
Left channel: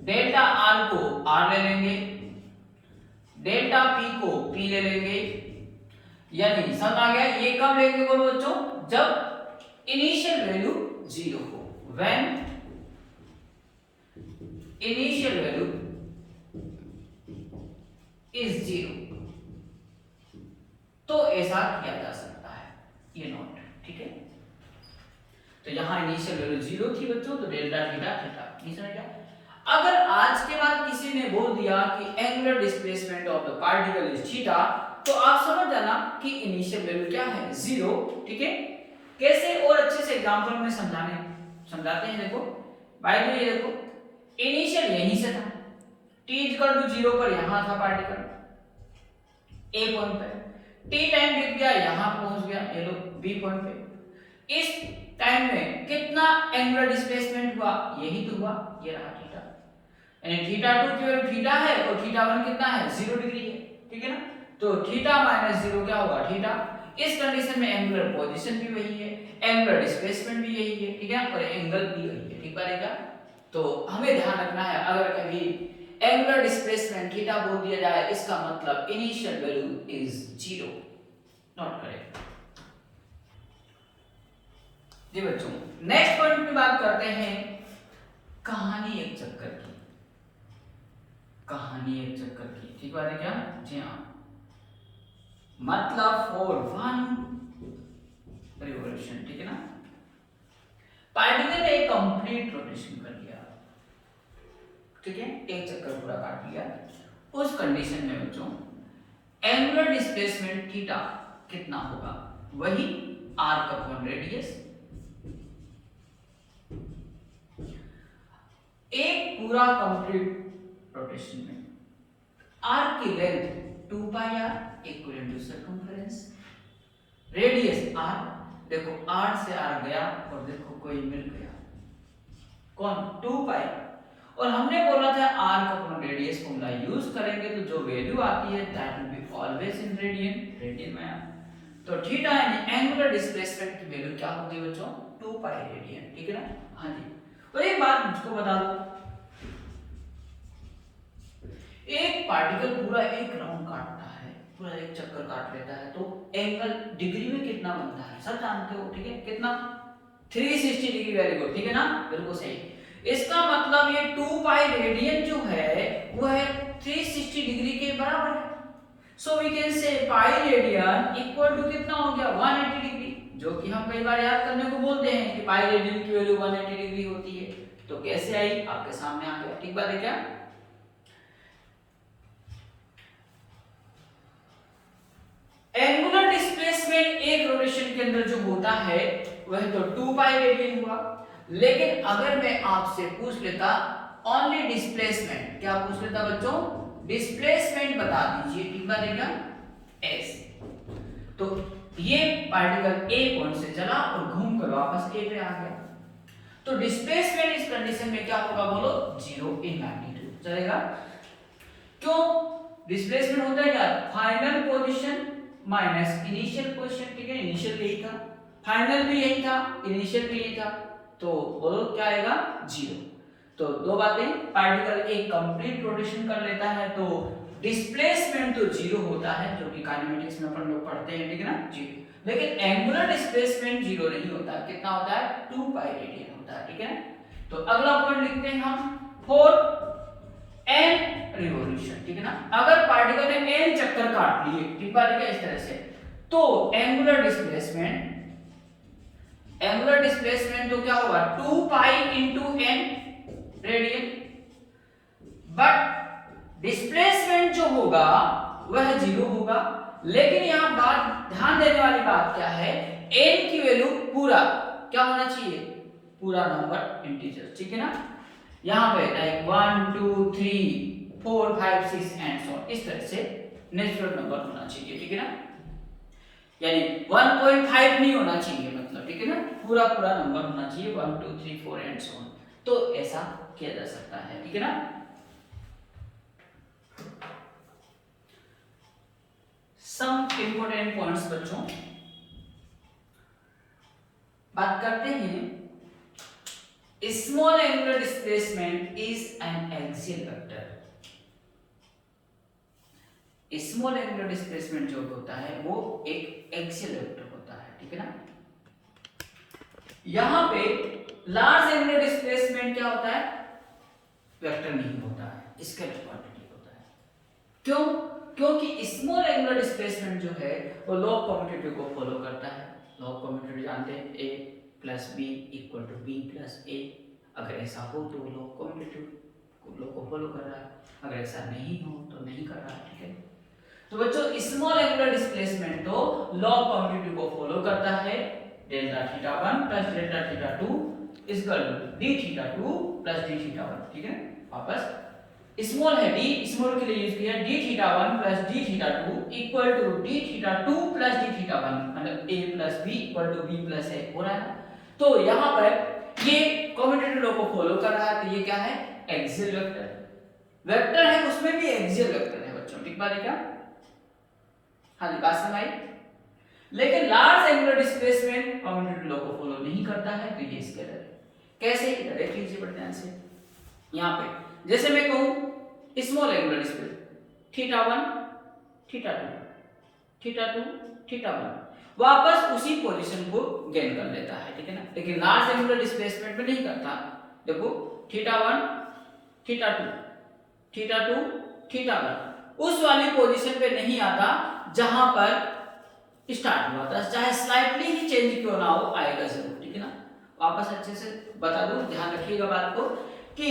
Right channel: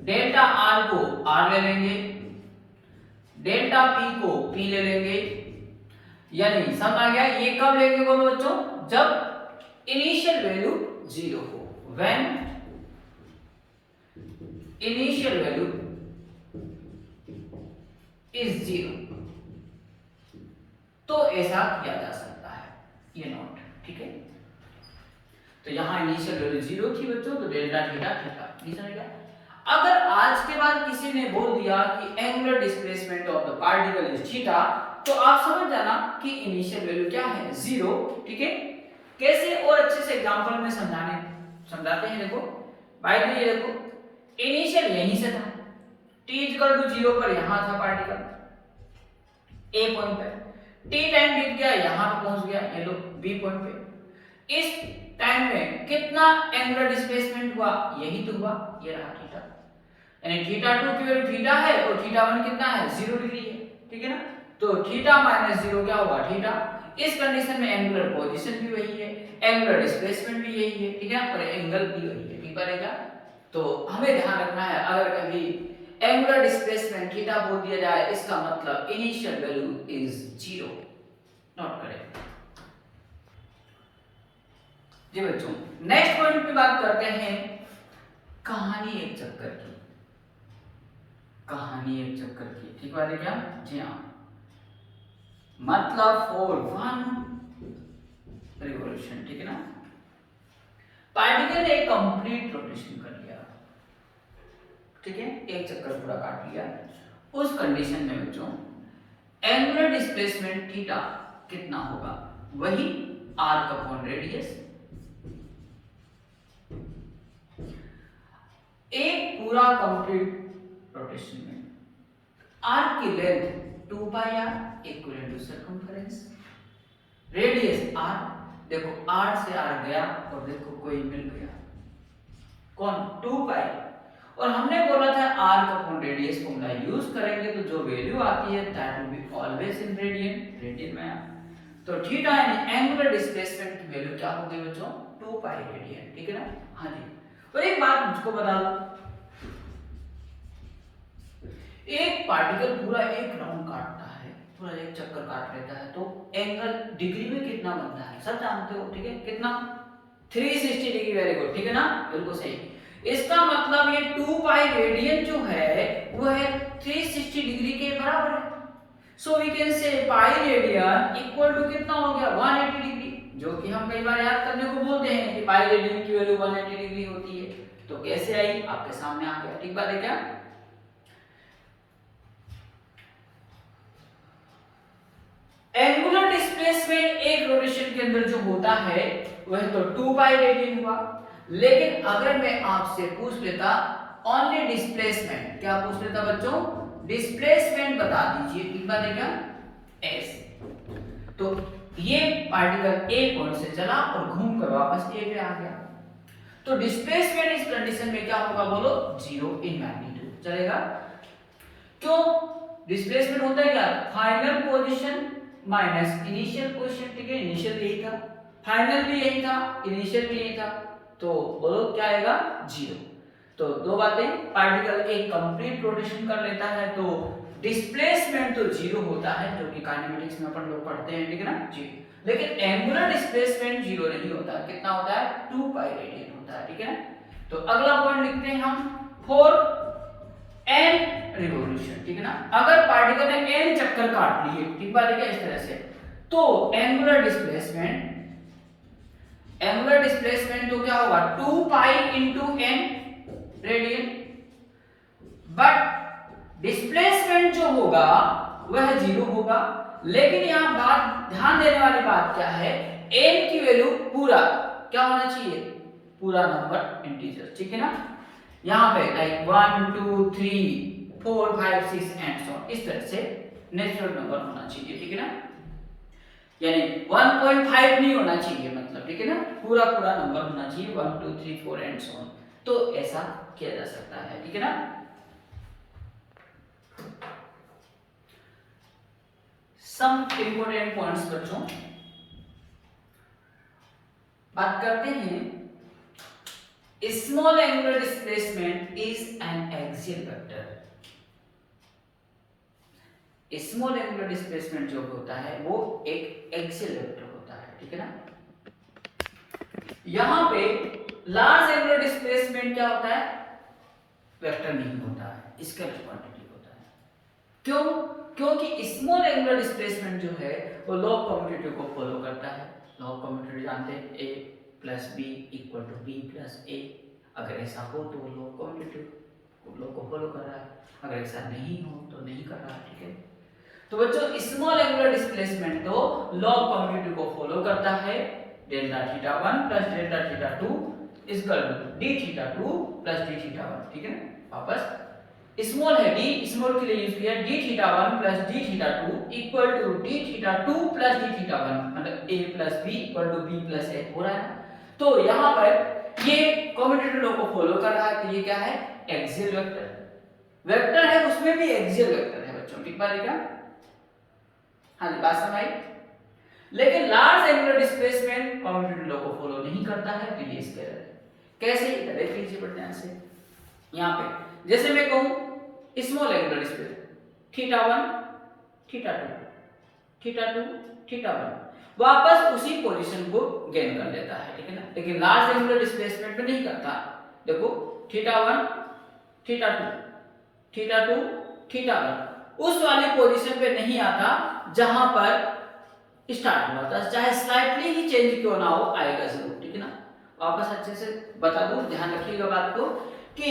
डेल्टा आर को आर ले लेंगे, डेल्टा पी को पी ले लेंगे, यानी समझ आ गया। ये कब लेंगे बोलो बच्चों, जब इनिशियल वैल्यू 0 हो, व्हेन इनिशियल वैल्यू इज 0, तो ऐसा किया जा सकता है, ये नोट, ठीक है। तो यहां इनिशियल वैल्यू 0 थी बच्चों, तो डेल्टा थीटा थीटा, नहीं समझ गया। अगर आज के बाद किसी ने बोल दिया कि angular displacement of the particle is theta, तो आप समझ जाना कि इनिशियल वैल्यू क्या है, 0, ठीक है। कैसे और अच्छे से एग्जांपल में समझाते हैं। देखो बाय द ये देखो इनिशियल यहीं से था, t इक्वल टू 0 पर यहां था पार्टिकल a पॉइंट पे, t टाइम बीत गया यहां पहुंच गया, ये लो b पॉइंट पे। इस टाइम में कितना एंगुलर डिस्प्लेसमेंट हुआ, यही तो हुआ, ये रहा थीटा, यानी थीटा 2 की वैल्यू थीटा है और थीटा 1 कितना है, 0 डिग्री है, ठीक है ना। तो थीटा माइनस 0 क्या होगा थीटा। इस कंडीशन में एंगुलर पोजीशन भी वही है, एंगुलर डिस्प्लेसमेंट भी यही है, ठीक है, और एंगल भी वही है, ठीक बनेगा। तो हमें ध्यान रखना है अगर कभी एंगुलर डिस्प्लेसमेंट थीटा बोल दिया जाए इसका मतलब इनिशियल वैल्यू इज 0, नोट करें जी बच्चों। नेक्स्ट पॉइंट पे बात करते हैं कहानी एक चक्कर की, कहानी एक चक्कर की, ठीक बात है क्या जी हाँ। मतलब फॉर वन रिवॉल्यूशन, ठीक है ना, पार्टिकल ने कंप्लीट रोटेशन कर लिया, ठीक है, एक चक्कर पूरा काट लिया। उस कंडीशन में बच्चों एंगुलर डिस्प्लेसमेंट थीटा कितना होगा, वही आर्क अपॉन रेडियस। एक पूरा कंप्लीट रोटेशन में आर्क की length 2 pi r equal to circumference, radius r, देखो आर से आर गया और देखो कोई मिल गया, कौन 2 पाई, और हमने बोला था arc upon radius formula use करेंगे तो जो वैल्यू आती है that will be always in radian, radian में। तो थीटा एंगुलर डिस्प्लेसमेंट की वैल्यू क्या होगी बच्चों 2 पाई रेडियन, ठीक है ना। हाँ जी, और एक बात मुझको बता दो, एक पार्टिकल पूरा एक राउंड काटता है, पूरा एक चक्कर काट लेता है, तो एंगल डिग्री में कितना बनता है सब जानते हो, ठीक है, कितना 360 डिग्री, वेरी गुड, ठीक है ना, बिल्कुल सही। इसका मतलब ये 2 पाई रेडियन जो है वो है 360 डिग्री के बराबर है। So we can say pi radian equal to कितना हो गया 180 डिग्री, जो कि हम कई बार याद करने को बोलते हैं कि पाई रेडियन की वैल्यू 180 डिग्री होती है। तो कैसे आई आपके सामने आ गया, ठीक बात है क्या। एंगुलर डिस्प्लेसमेंट एक रोटेशन के अंदर जो होता है वह तो 2 पाई रेडियन हुआ, लेकिन अगर मैं आपसे पूछ लेता ओनली डिस्प्लेसमेंट, क्या पूछ लेता बच्चों, डिस्प्लेसमेंट बता दीजिए, ठीक बात है क्या, ऐसे, तो ये पार्टिकल ए पॉइंट से चला और घूमकर वापस ए पे आ गया, तो डिस्प्लेसमेंट इस कंडीशन में क्या होगा बोलो 0 इन मैग्नीट्यूड, चलेगा। क्यों, डिस्प्लेसमेंट होता है क्या, final position minus initial position, ठीक है, इनिशियल यही था, फाइनल भी यही था, इनिशियल भी यही था, तो बोलो क्या आएगा 0। तो दो बातें, पार्टिकल एक कंप्लीट रोटेशन कर लेता है तो डिस्प्लेसमेंट तो 0 होता है, जो कि काइनेमेटिक्स में अपन लोग पढ़ते हैं, ठीक है ना जी। लेकिन एंगुलर डिस्प्लेसमेंट 0 नहीं होता, कितना होता है 2 पाई रेडियन होता है, ठीक है ना। तो अगला पॉइंट लिखते हैं हम फॉर n रिवॉल्यूशन, ठीक है ना, अगर पार्टिकल ने n चक्कर काट लिए, ठीक बात है क्या, इस तरह से, तो एंगुलर डिस्प्लेसमेंट तो क्या होगा 2 pi into n radian, but displacement जो होगा वह 0 होगा। लेकिन यहां बात ध्यान देने वाली बात क्या है, n की वैल्यू पूरा क्या होना चाहिए, पूरा नंबर इंटीजर, ठीक है ना। यहां पे लाइक 1 2 3 4 5 6 एंड सो इस तरह से नेचुरल नंबर होना चाहिए, ठीक है ना, यानी 1.5 नहीं होना चाहिए मतलब, ठीक है ना, पूरा पूरा नंबर होना चाहिए 1 2 3 4 एंड सो ऑन, तो ऐसा किया जा सकता है, ठीक है ना। सम इंपोर्टेंट पॉइंट्स बच्चों, बात करते हैं small angular displacement is an axial vector. Small angular displacement जो होता है वो एक एक्सियल वेक्टर होता है, ठीक है ना। यहां पे लार्ज एंगुलर डिस्प्लेसमेंट क्या होता है, वेक्टर नहीं होता है, स्केलर क्वांटिटी होता है। क्यों, क्योंकि स्मॉल एंगुलर डिस्प्लेसमेंट जो है वो लॉ ऑफ कम्यूटेटिव को फॉलो करता है। लॉ ऑफ कम्यूटेटिव जानते हैं, a plus B equal to B plus A, अगर ऐसा हो तो लॉ ऑफ कम्यूटेटिव लॉ को फॉलो कर रहा है, अगर ऐसा नहीं हो तो नहीं कर रहा है, ठीक है। तो बच्चों स्मॉल एंगुलर डिस्प्लेसमेंट तो लॉ ऑफ कम्यूटेटिव को फॉलो करता है, delta theta 1 plus delta theta 2 is equal to d theta 2 plus d theta 1, ठीक है। वापस स्मॉल है डी, स्मॉल के लिए यूज किया d theta 1 plus d theta 2 equal to d theta 2 plus d theta 1, मतलब a plus b equal to b plus a हो रहा है। तो यहां पर ये कम्यूटेटिव लॉ को फॉलो कर रहा है, तो ये क्या है एक्सियल वेक्टर, वेक्टर है उसमें भी एक्सियल वेक्टर है बच्चों, ठीक बात है क्या। हाँ जी, बात समझ आई। लेकिन large angular displacement commutative law को फॉलो नहीं करता है, तो ये स्केलर है। कैसे, देख लीजिए बड़े ध्यान से। यहाँ पे जैसे मैं कहूँ small angular displacement theta 1 theta 2 theta 2 theta 1 वापस उसी पोजीशन को गेन कर लेता है, ठीक है ना। लेकिन लार्ज एंगुलर डिस्प्लेसमेंट में नहीं करता। देखो थीटा 1 थीटा 2 थीटा 2 थीटा 1 उस वाली पोजीशन पे नहीं आता जहां पर स्टार्ट हुआ था, चाहे स्लाइटली ही चेंज क्यों ना हो, आएगा जरूर, ठीक है ना। वापस अच्छे से बता दूं, ध्यान रखिएगा बात को कि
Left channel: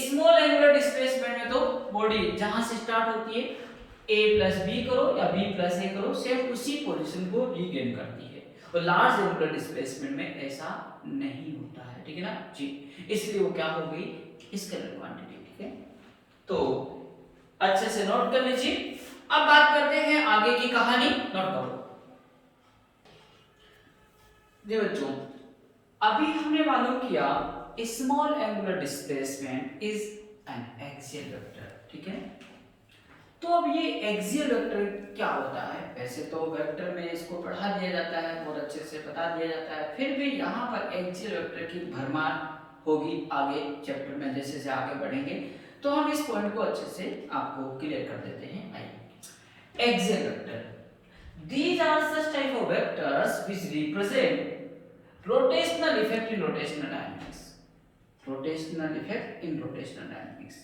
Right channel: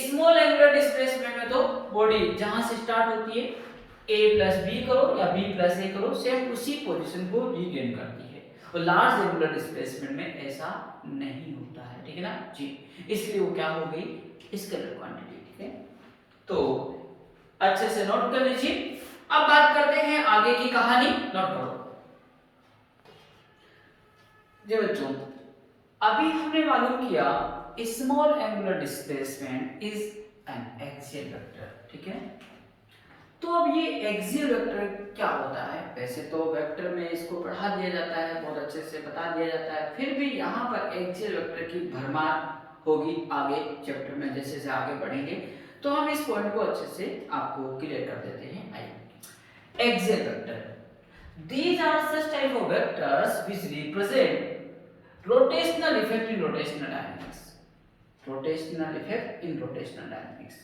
स्मॉल एंगुलर डिस्प्लेसमेंट में तो बॉडी जहां से स्टार्ट होती है a प्लस बी करो या b प्लस ए करो, सेम उसी पोजीशन को रीगेन करती है। और लार्ज एंगुलर डिस्प्लेसमेंट में ऐसा नहीं होता है, ठीक है ना जी। इसलिए वो क्या हो गई, स्केलर क्वांटिटी, ठीक है। तो अच्छे से नोट कर लीजिए। अब बात करते हैं आगे की कहानी, नोट करो जी बच्चों। अभी हमने मालूम किया small angular displacement is an axial vector, ठीक है। तो अब ये एक्सियल वेक्टर क्या होता है? वैसे तो वेक्टर में इसको पढ़ा दिया जाता है, बहुत अच्छे से बता दिया जाता है, फिर भी यहाँ पर एक्सियल वेक्टर की भरमार होगी आगे चैप्टर में, जैसे जैसे आगे बढ़ेंगे तो हम इस पॉइंट को अच्छे से आपको क्लियर कर देते हैं। आइए, axial vector, these are such type of vectors which represent rotational effect in rotational dynamics. Rotational effect in rotational dynamics.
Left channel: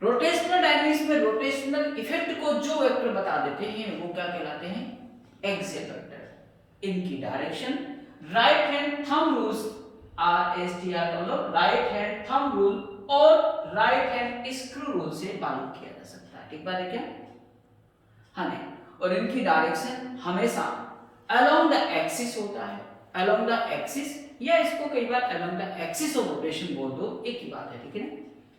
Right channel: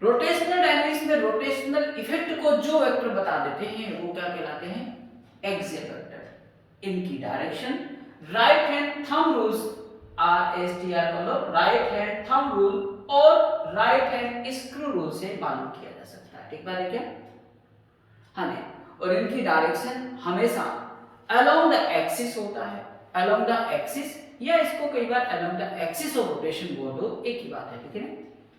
Rotational dynamics में रोटेशनल इफेक्ट को जो वेक्टर बता देते हैं वो क्या कहलाते हैं? Axial vector. इनकी direction right hand thumb rules RSTR मतलब राइट हैंड थंब रूल और राइट हैंड स्क्रू रूल से मालूम किया जा सकता है, ठीक बात है क्या? हाँ नहीं, और इनकी डायरेक्शन हमेशा अलोंग द एक्सिस होता है, अलोंग द एक्सिस, या इसको कई बार along the axis of rotation बोल दो, एक ही बात है, ठीक है ना।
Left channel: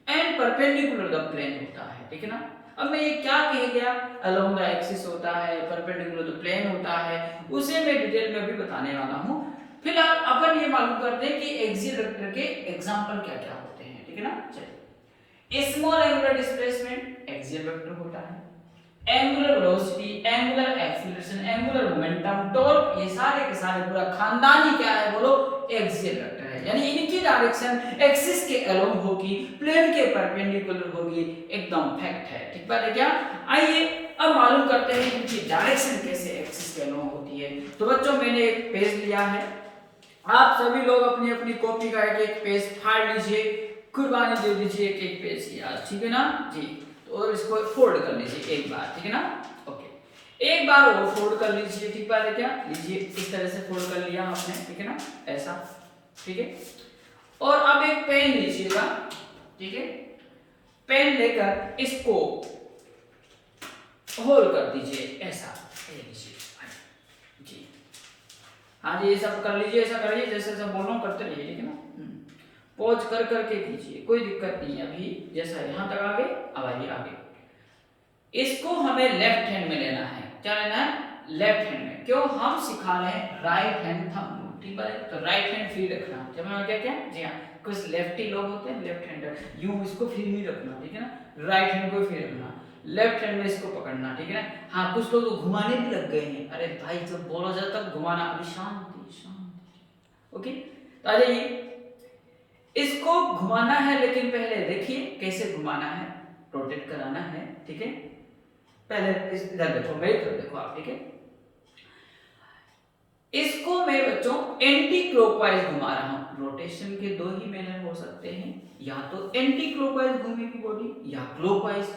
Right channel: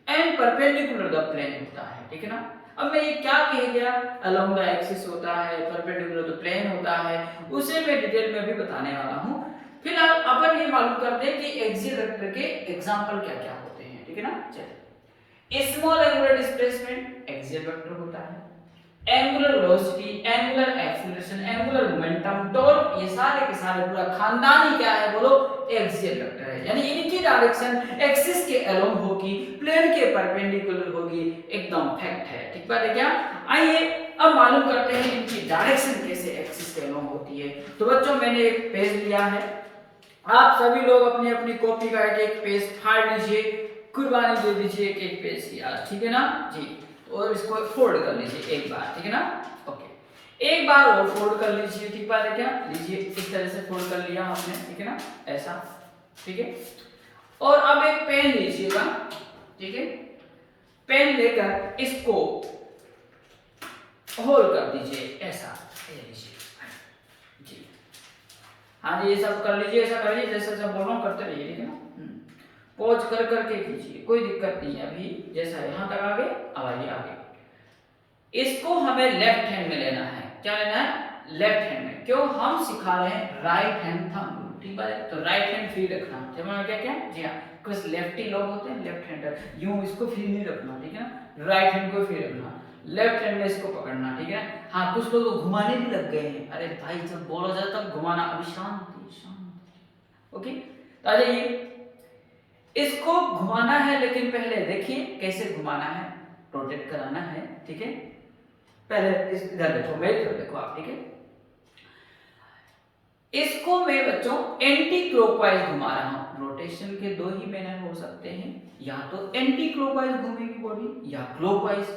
एंड परपेंडिकुलर द प्लेन होता है, ठीक है ना। अब मैं ये क्या कह गया, अलोंग द एक्सिस होता है, परपेंडिकुलर द प्लेन होता है, उसे मैं डिटेल में भी बताने वाला हूं। फिलहाल अपन ये मालूम करते हैं कि एक्सियल वेक्टर के एग्जांपल क्या-क्या होते हैं, ठीक है ना। चलिए, small angular displacement axial vector होता है, angular velocity, angular acceleration, angular momentum, torque, ये सारे के सारे पूरा खानदान ही क्या है बोलो, एक्सियल वेक्टर है। यानी इनकी डायरेक्शन एक्सिस के अलोंग होगी, प्लेन के परपेंडिकुलर होगी, एकदम फैक्ट है, ठीक बात है क्या। आइए अब मालूम करते हैं इनकी डायरेक्शन कैसे एक्सिस के अलोंग होती है। तो बच्चों मैंने एक पेज लिया है, आप सभी लोग अपनी अपनी कॉपी का एक पेज फाड़ लीजिए, कुर्बानी दे दीजिए एक पेज की आज, ठीक है ना जी। और इसको फोल्ड कर लीजिए एक बार, ठीक है ना। ओके, एक बार और फोल्ड कर लीजिए, ठीक बात है क्या। लीजिए, इस तरह से फोल्ड कर लिया आपने, ठीक है ना, ऐसा, ठीक है। और अब एक पेन लीजिएगा, ठीक है। पेन लेकर इसको होल्ड कर दीजिए, ऐसा लीजिए जी। हाँ जी, ये सब कर लीजिए, ऐसा कर लीजिए, जैसे सब बोल रहा हूँ करते रहिए, ठीक है ना। पॉज कर करके कीजिए, कोई दिक्कत नहीं है। अभी जैसा यहां तक आ गए, अब आइए आगे। इसको हमें लेफ्ट हैंड में लेना है, क्या लेना है? लेफ्ट हैंड में। क्यों? हम सिखा रहे हैं राइट हैंड थंब रूल, ठीक है। तो राइट हैंड फ्री रखना, जब मैं क्या क्या जी हाँ, कुछ लेफ्टी लोग होते हैं लेफ्ट हैंडर, यूं इसको फ्री नहीं रखना, ठीक है ना। राइट हैंड को फ्री रखना, लेफ्ट हैंड में इसको पकड़ना, ठीक है ना। हाँ, कुछ लोग तो घुमाने भी लग गए हैं, अरे भाई जब बोला जाता तब घुमाना, अभी शांति शांति। ओके, तो आ जाइए, इसको घुमाना है, लेकिन पहले देखिए कैसे घुमाना है, रोटेट कराना है, ठीक है। पहले इस इधर देखो, मेरी तरफ देखो आप, ठीक है। इसको मैं बच्चों एंटी क्लॉकवाइज घुमा रहा हूं। रोटेशन के दो ही मैनर हो सकते हैं, या तो एंटी क्लॉकवाइज घूमेगी बॉडी या क्लॉकवाइज।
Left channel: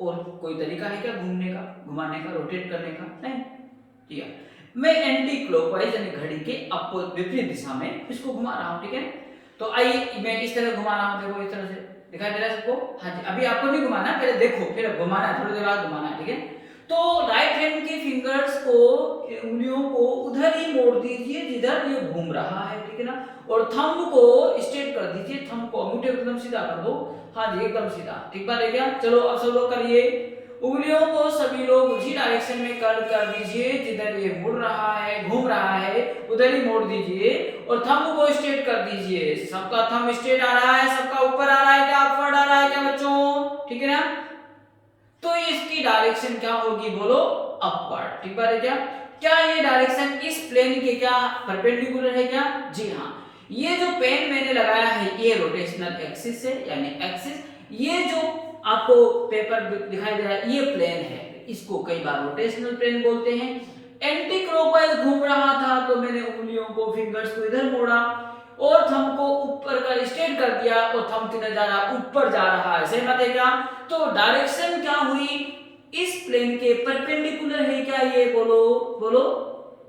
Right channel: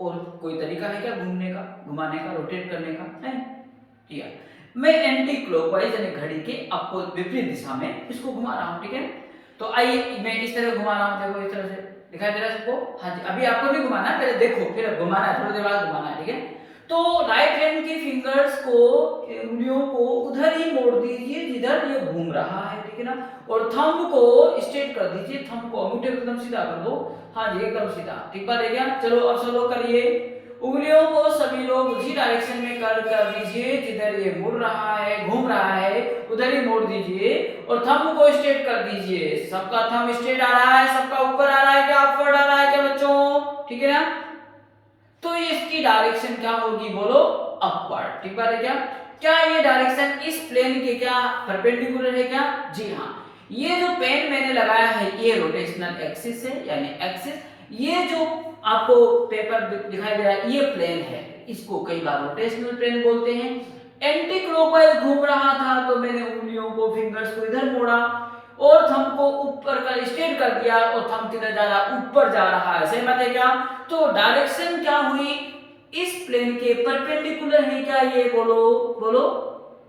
और कोई तरीका है क्या घूमने का, घुमाने का, रोटेट करने का? नहीं, ठीक है। मैं एंटी क्लॉकवाइज यानी घड़ी के अपोजिट विपरीत दिशा में इसको घुमा रहा हूं, ठीक है। तो आइए मैं इस तरह घुमा रहा हूं, देखो इस तरह से दिखाई दे रहा है सबको। हाँ जी, अभी आपको नहीं घुमाना, पहले देखो, फिर घुमाना है, थोड़ी देर बाद घुमाना है, ठीक है। तो राइट हैंड की फिंगर्स को, उंगलियों को उधर ही मोड़ दीजिए जिधर ये घूम रहा है, ठीक है ना। और थंब को स्ट्रेट कर दीजिए, थंब को अंगूठे एकदम सीधा कर दो। हाँ जी, एकदम सीधा, ठीक बात है क्या। चलो अब सब लोग करिए, उंगलियों को सभी लोग उसी डायरेक्शन में कर्व कर दीजिए, जिधर ये मुड़ रहा है, घूम रहा है, उधर ही मोड़ दीजिए। और थंब को स्ट्रेट कर दीजिए। सबका थंब स्ट्रेट आ रहा है, सबका ऊपर आ रहा है क्या, अपवर्ड आ रहा है क्या बच्चों, ठीक है ना। तो इसकी डायरेक्शन क्या होगी बोलो, अपवर्ड। ठीक बात है क्या? क्या ये डायरेक्शन इस प्लेन के क्या परपेंडिकुलर है क्या? जी हाँ। ये जो पेन मैंने लगाया है ये रोटेशनल एक्सिस है, यानी एक्सिस। ये जो आपको पेपर दिखाई दे रहा है ये प्लेन है, इसको कई बार रोटेशनल प्लेन बोलते हैं। एंटी क्लॉकवाइज घूम रहा था तो मैंने उंगलियों को, फिंगर्स को इधर मोड़ा और थंब को ऊपर का स्ट्रेट कर दिया, और थंब किधर जा रहा है, ऊपर जा रहा है। सहमत है क्या? तो डायरेक्शन क्या हुई, इस प्लेन के परपेंडिकुलर है क्या ये बोलो, बोलो।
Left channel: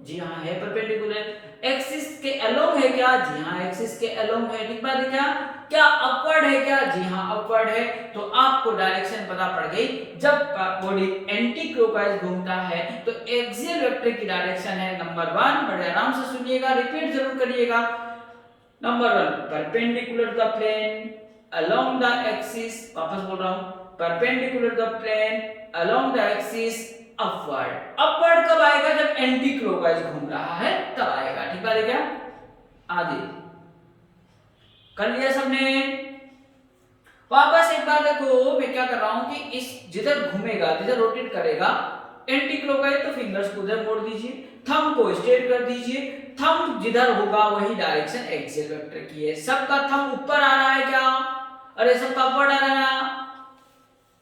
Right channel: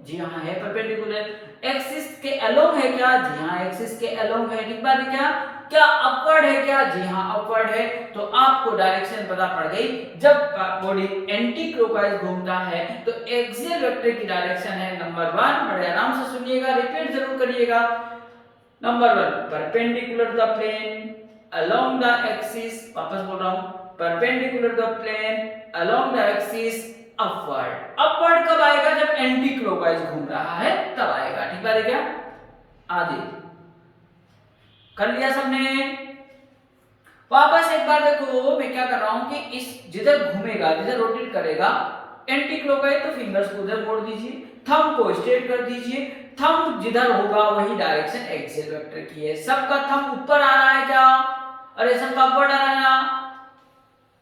जी हाँ है परपेंडिकुलर। एक्सिस के अलोंग है क्या? जी हाँ एक्सिस के अलोंग है। ठीक बात है क्या? क्या अपवर्ड है क्या? जी हाँ अपवर्ड है। तो आपको डायरेक्शन पता पड़ गई। जब बॉडी एंटी क्लॉकवाइज घूमता है तो एक्सियल वेक्टर की डायरेक्शन है नंबर 1, बड़े आराम से सुनिएगा, रिपीट जरूर करिएगा। Number 1 perpendicular the plane along the axis, वापस बोल रहा हूं, perpendicular the plane along the axis upward. Upward कब आएगा? जब एंटी क्लॉकवाइज घूम रहा है तब आएगा। ठीक बात है क्या? आदि कर लिया सबने? वापस एक बार देखो मैं क्या कर रहा हूं कि इस जिधर घूमेगा, जिधर रोटेट करेगा एंटी क्लॉकवाइज, तो फिंगर्स को उधर मोड़ दीजिए, थंब को स्ट्रेट कर दीजिए। थंब जिधर होगा वही डायरेक्शन एक्सियल वेक्टर की है। सबका थंब ऊपर आ रहा है क्या? अरे सबका ऊपर आ रहा है ना?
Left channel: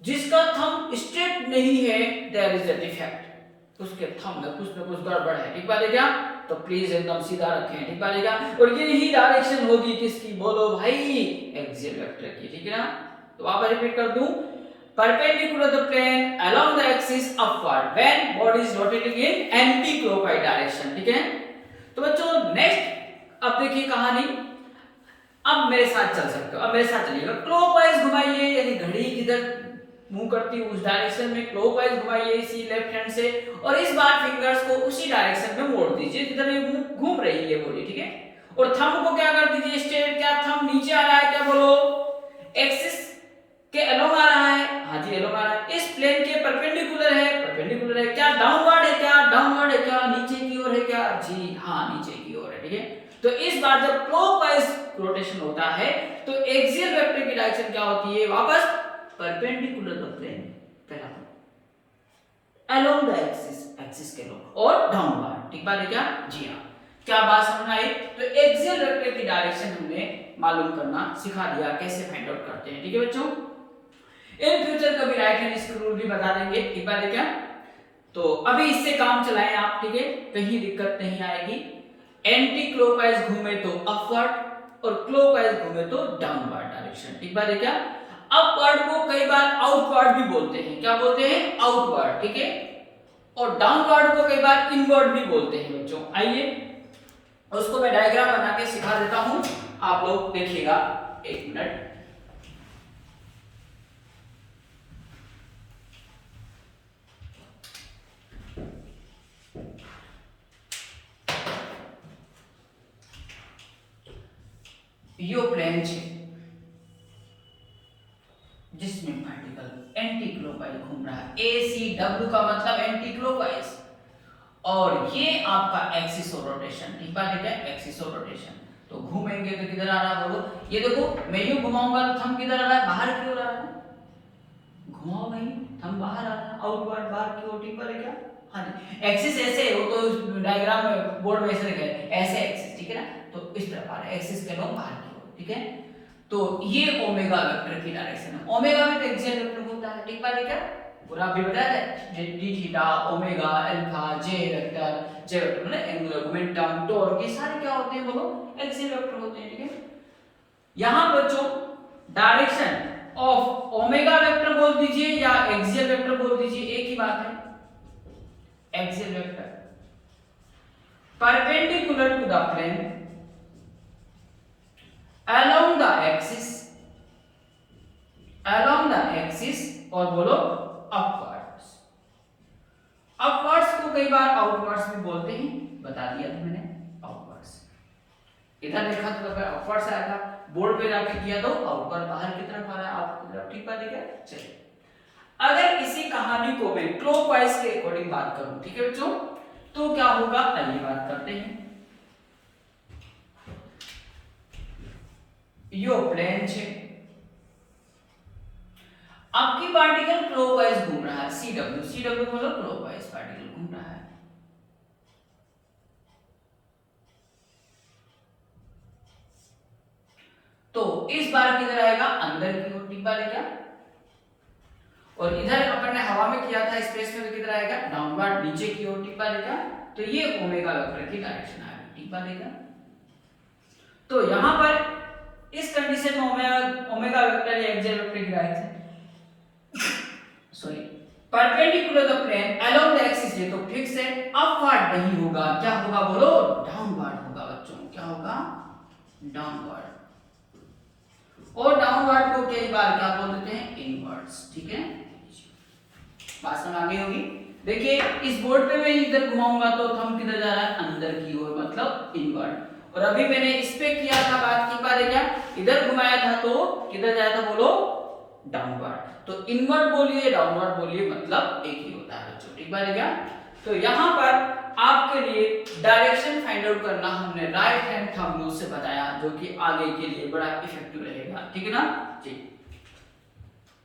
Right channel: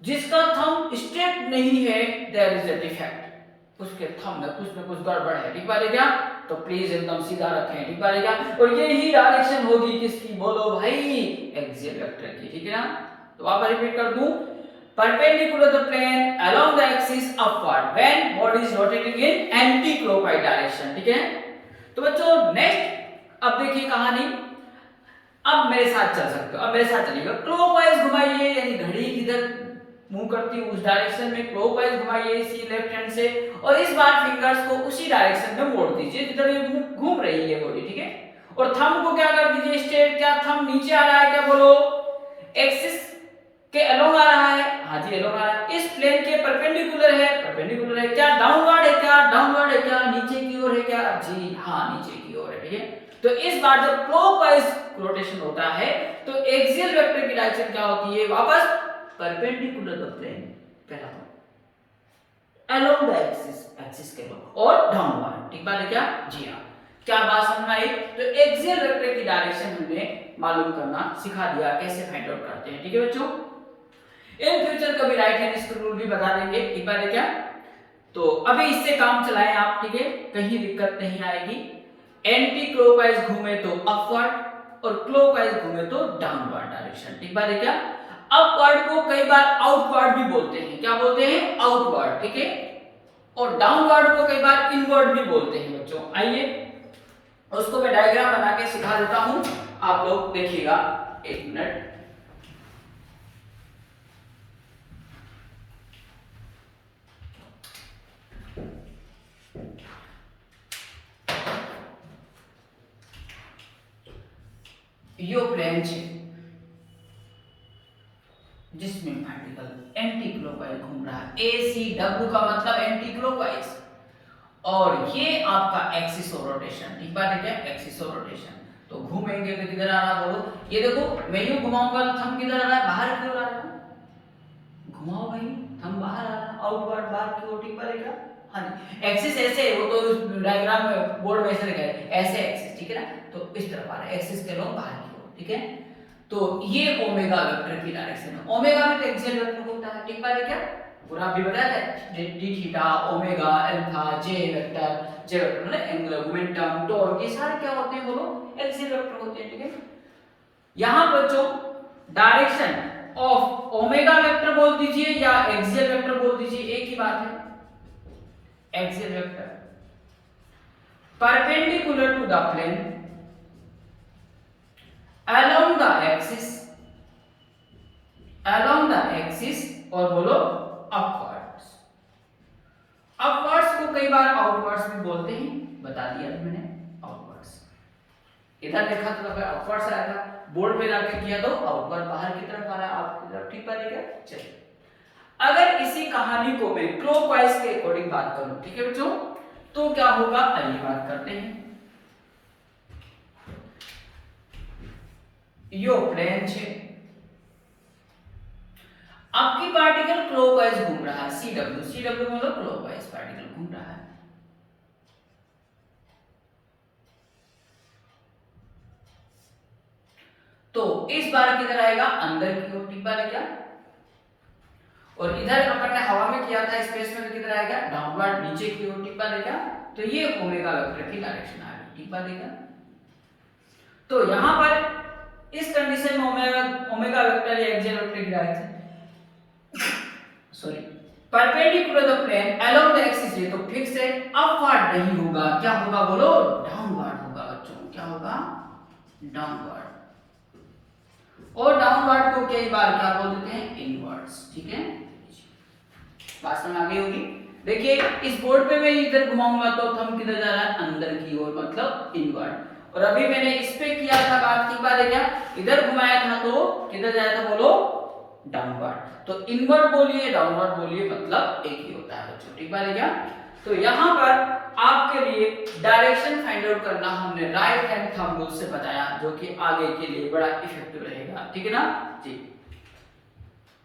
जिसका थंब स्ट्रेट नहीं है देयर इज अ डिफेक्ट, उसके थंब में कुछ ना कुछ गड़बड़ है। ठीक बात है क्या? तो प्लीज एकदम सीधा रखें। ठीक बात है क्या? और यही डायरेक्शन होगी किसकी बोलो भाई? एक्सियल वेक्टर की। ठीक है ना? तो वापस रिपीट कर दूं, perpendicular the plane along the axis upward when body is rotating in anti-clockwise direction। ठीक है? तो बच्चों नेक्स्ट अब देखिए कहानी। अब मेरे साथ चल सकते हो, अब मेरे साथ चलिएगा। क्लॉकवाइज घुमाइए, यानी घड़ी किधर मूव करती है उस डायरेक्शन में क्लॉकवाइज घुमाइए इसी लेफ्ट हैंड से, और इस बार फिंगर्स को उसी डायरेक्शन में मोड़ दीजिए जिधर ये घूम रही है बॉडी। ठीक है? और थंब को क्या कर दीजिए स्ट्रेट। क्या थंब नीचे आ रहा है क्या बोलो? एक्सिस के अलोंग आ रहा है? हाँ जी अलोंग आ रहा है। इस प्लेन के परपेंडिकुलर है? परपेंडिकुलर है। क्या डाउनवर्ड है क्या? डाउनवर्ड है क्या? नीचे की ओर है क्या? जी हाँ नीचे की ओर है। ठीक है? तो इस बार जब क्लॉकवाइज रोटेशन होता है तो एक्सियल वेक्टर की डायरेक्शन क्या होती है? वापस परपेंडिकुलर द प्लेन, पहला अलोंग द एक्सिस, एक्सिस के अलोंग, और डाउनवर्ड। ठीक बात है क्या? जी हाँ। क्या बात समझ आई? तो एक्सियल वेक्टर की डायरेक्शन हमने मालूम करना सिखा दिया, कैसे फाइंड आउट करते हैं। ठीक है बच्चों? इन फ्यूचर कभी राइट हैंड स्क्रू भी बता देंगे। ठीक बात है क्या? तो अभी इससे काम चलाएं आप। ठीक है? कहीं दिक्कत नहीं आएगी। एंटी क्लॉकवाइज घूमे तो अपवर्ड और क्लॉकवाइज घूमे तो डाउनवर्ड डायरेक्शन। ठीक बात है क्या? अपवर्ड को कई बार आउटवर्ड भी बोलते हैं। क्या बोलते हैं? आउटवर्ड। ठीक है? और डाउनवर्ड को कई बार इनवर्ड भी बोलते हैं बच्चों। आइए उसको मैं डायग्राम बना के सिखा देता हूं, आप लोग देखिएगा। एक मिनट। यो प्लेन છે जिसमें पार्टिकल एंटी क्लॉकवाइज घूम रहा है। ACW का मतलब एंटी क्लॉकवाइज, और ये आपका एक्सिस ऑफ रोटेशन। ठीक बात है क्या? Axis of rotation. तो घूमेंगे तो किधर आ रहा बोलो? ये देखो मैं यूं घुमाऊंगा तो थंब किधर आ रहा है? बाहर की ओर आ रहा है। घुमाओ भाई, थंब बाहर आ रहा है, आउटवर्ड बाहर की ओर। ठीक बात है क्या? हाँ जी। एक्सिस ऐसे है, वो तो डायग्राम में बोर्ड में ऐसे लिखा है ऐसे एक्सिस। ठीक है ना? तो इस तरफ आ रहा है एक्सिस के लोग बाहर की ओर। ठीक है? तो ये ओमेगा वेक्टर की डायरेक्शन है। ओमेगा में तो एक्सियल वेक्टर होता है। ठीक बात है क्या? पूरा अभी बताया था, डी थीटा, ओमेगा, अल्फा, जे वेक्टर। जे वेक्टर मतलब एंगुलर मोमेंटम, टॉर्क, ये सारे क्या होते हैं बोलो? एक्सियल वेक्टर होते हैं। ठीक है? यहां पर जो डायरेक्शन ऑफ ओमेगा वेक्टर बोल दीजिए या एक्सियल वेक्टर बोल दीजिए, एक ही बात है। Axial vector perpendicular to the plane along the axis, along the axis, और बोलो upwards। upwards को कई बार outwards भी बोलते हैं, बता दिया था मैंने। outwards इधर देखा तो upwards आया था, बोर्ड पे जाके किया तो outward बाहर की तरफ आ रहा है, आपकी तरफ। ठीक बात है? चलिए अगर इसी कहानी को मैं क्लॉकवाइज के अकॉर्डिंग बात करूं, ठीक है बच्चों, तो क्या होगा आइए बात करते हैं। यो प्लेन છે, आपकी पार्टिकल क्लॉकवाइज घूम रहा है, सी डब्ल्यू मतलब क्लॉकवाइज पार्टिकल घूम रहा है। तो इस बार किधर आएगा, अंदर की ओर टिप्पा लेगा, और इधर अपन ने हवा में किया था स्पेस में, किधर आएगा, डाउनवर्ड नीचे की ओर टिप्पा लेगा। तो ये ओमेगा वेक्टर की डायरेक्शन आ रही, टिप्पा लेगा। तो यहां पर इस कंडीशन में ओमेगा वेक्टर या एक्सियल वेक्टर की direction sorry perpendicular the plane along the axis है, तो फिक्स है, अपवर्ड नहीं होगा, क्या होगा बोलो, डाउनवर्ड होगा बच्चों, क्या होगा, डाउनवर्ड। और डाउनवर्ड को कई बार क्या बोल देते हैं, इनवर्ड्स, ठीक है, बात समझ आ गई होगी। देखिए इस बोर्ड पे मैं इधर घुमाऊंगा तो थंब किधर जा रहा है, अंदर की ओर, मतलब इनवर्ड। और अभी मैंने इस पे किया था बात, टिप्पा देखा, इधर घुमाया था तो किधर जाया था बोलो, डाउनवर्ड। तो इनवर्ड बोलिए डाउनवर्ड बोलिए मतलब एक ही होता है बच्चों, टिप्पा देखा। तो यहाँ पर आपके लिए डायरेक्शन फाइंड आउट करना हमने राइट हैंड थंब रूल से बताया, जो कि आगे के लिए बड़ा इफेक्टिव रहेगा, ठीक है ना जी।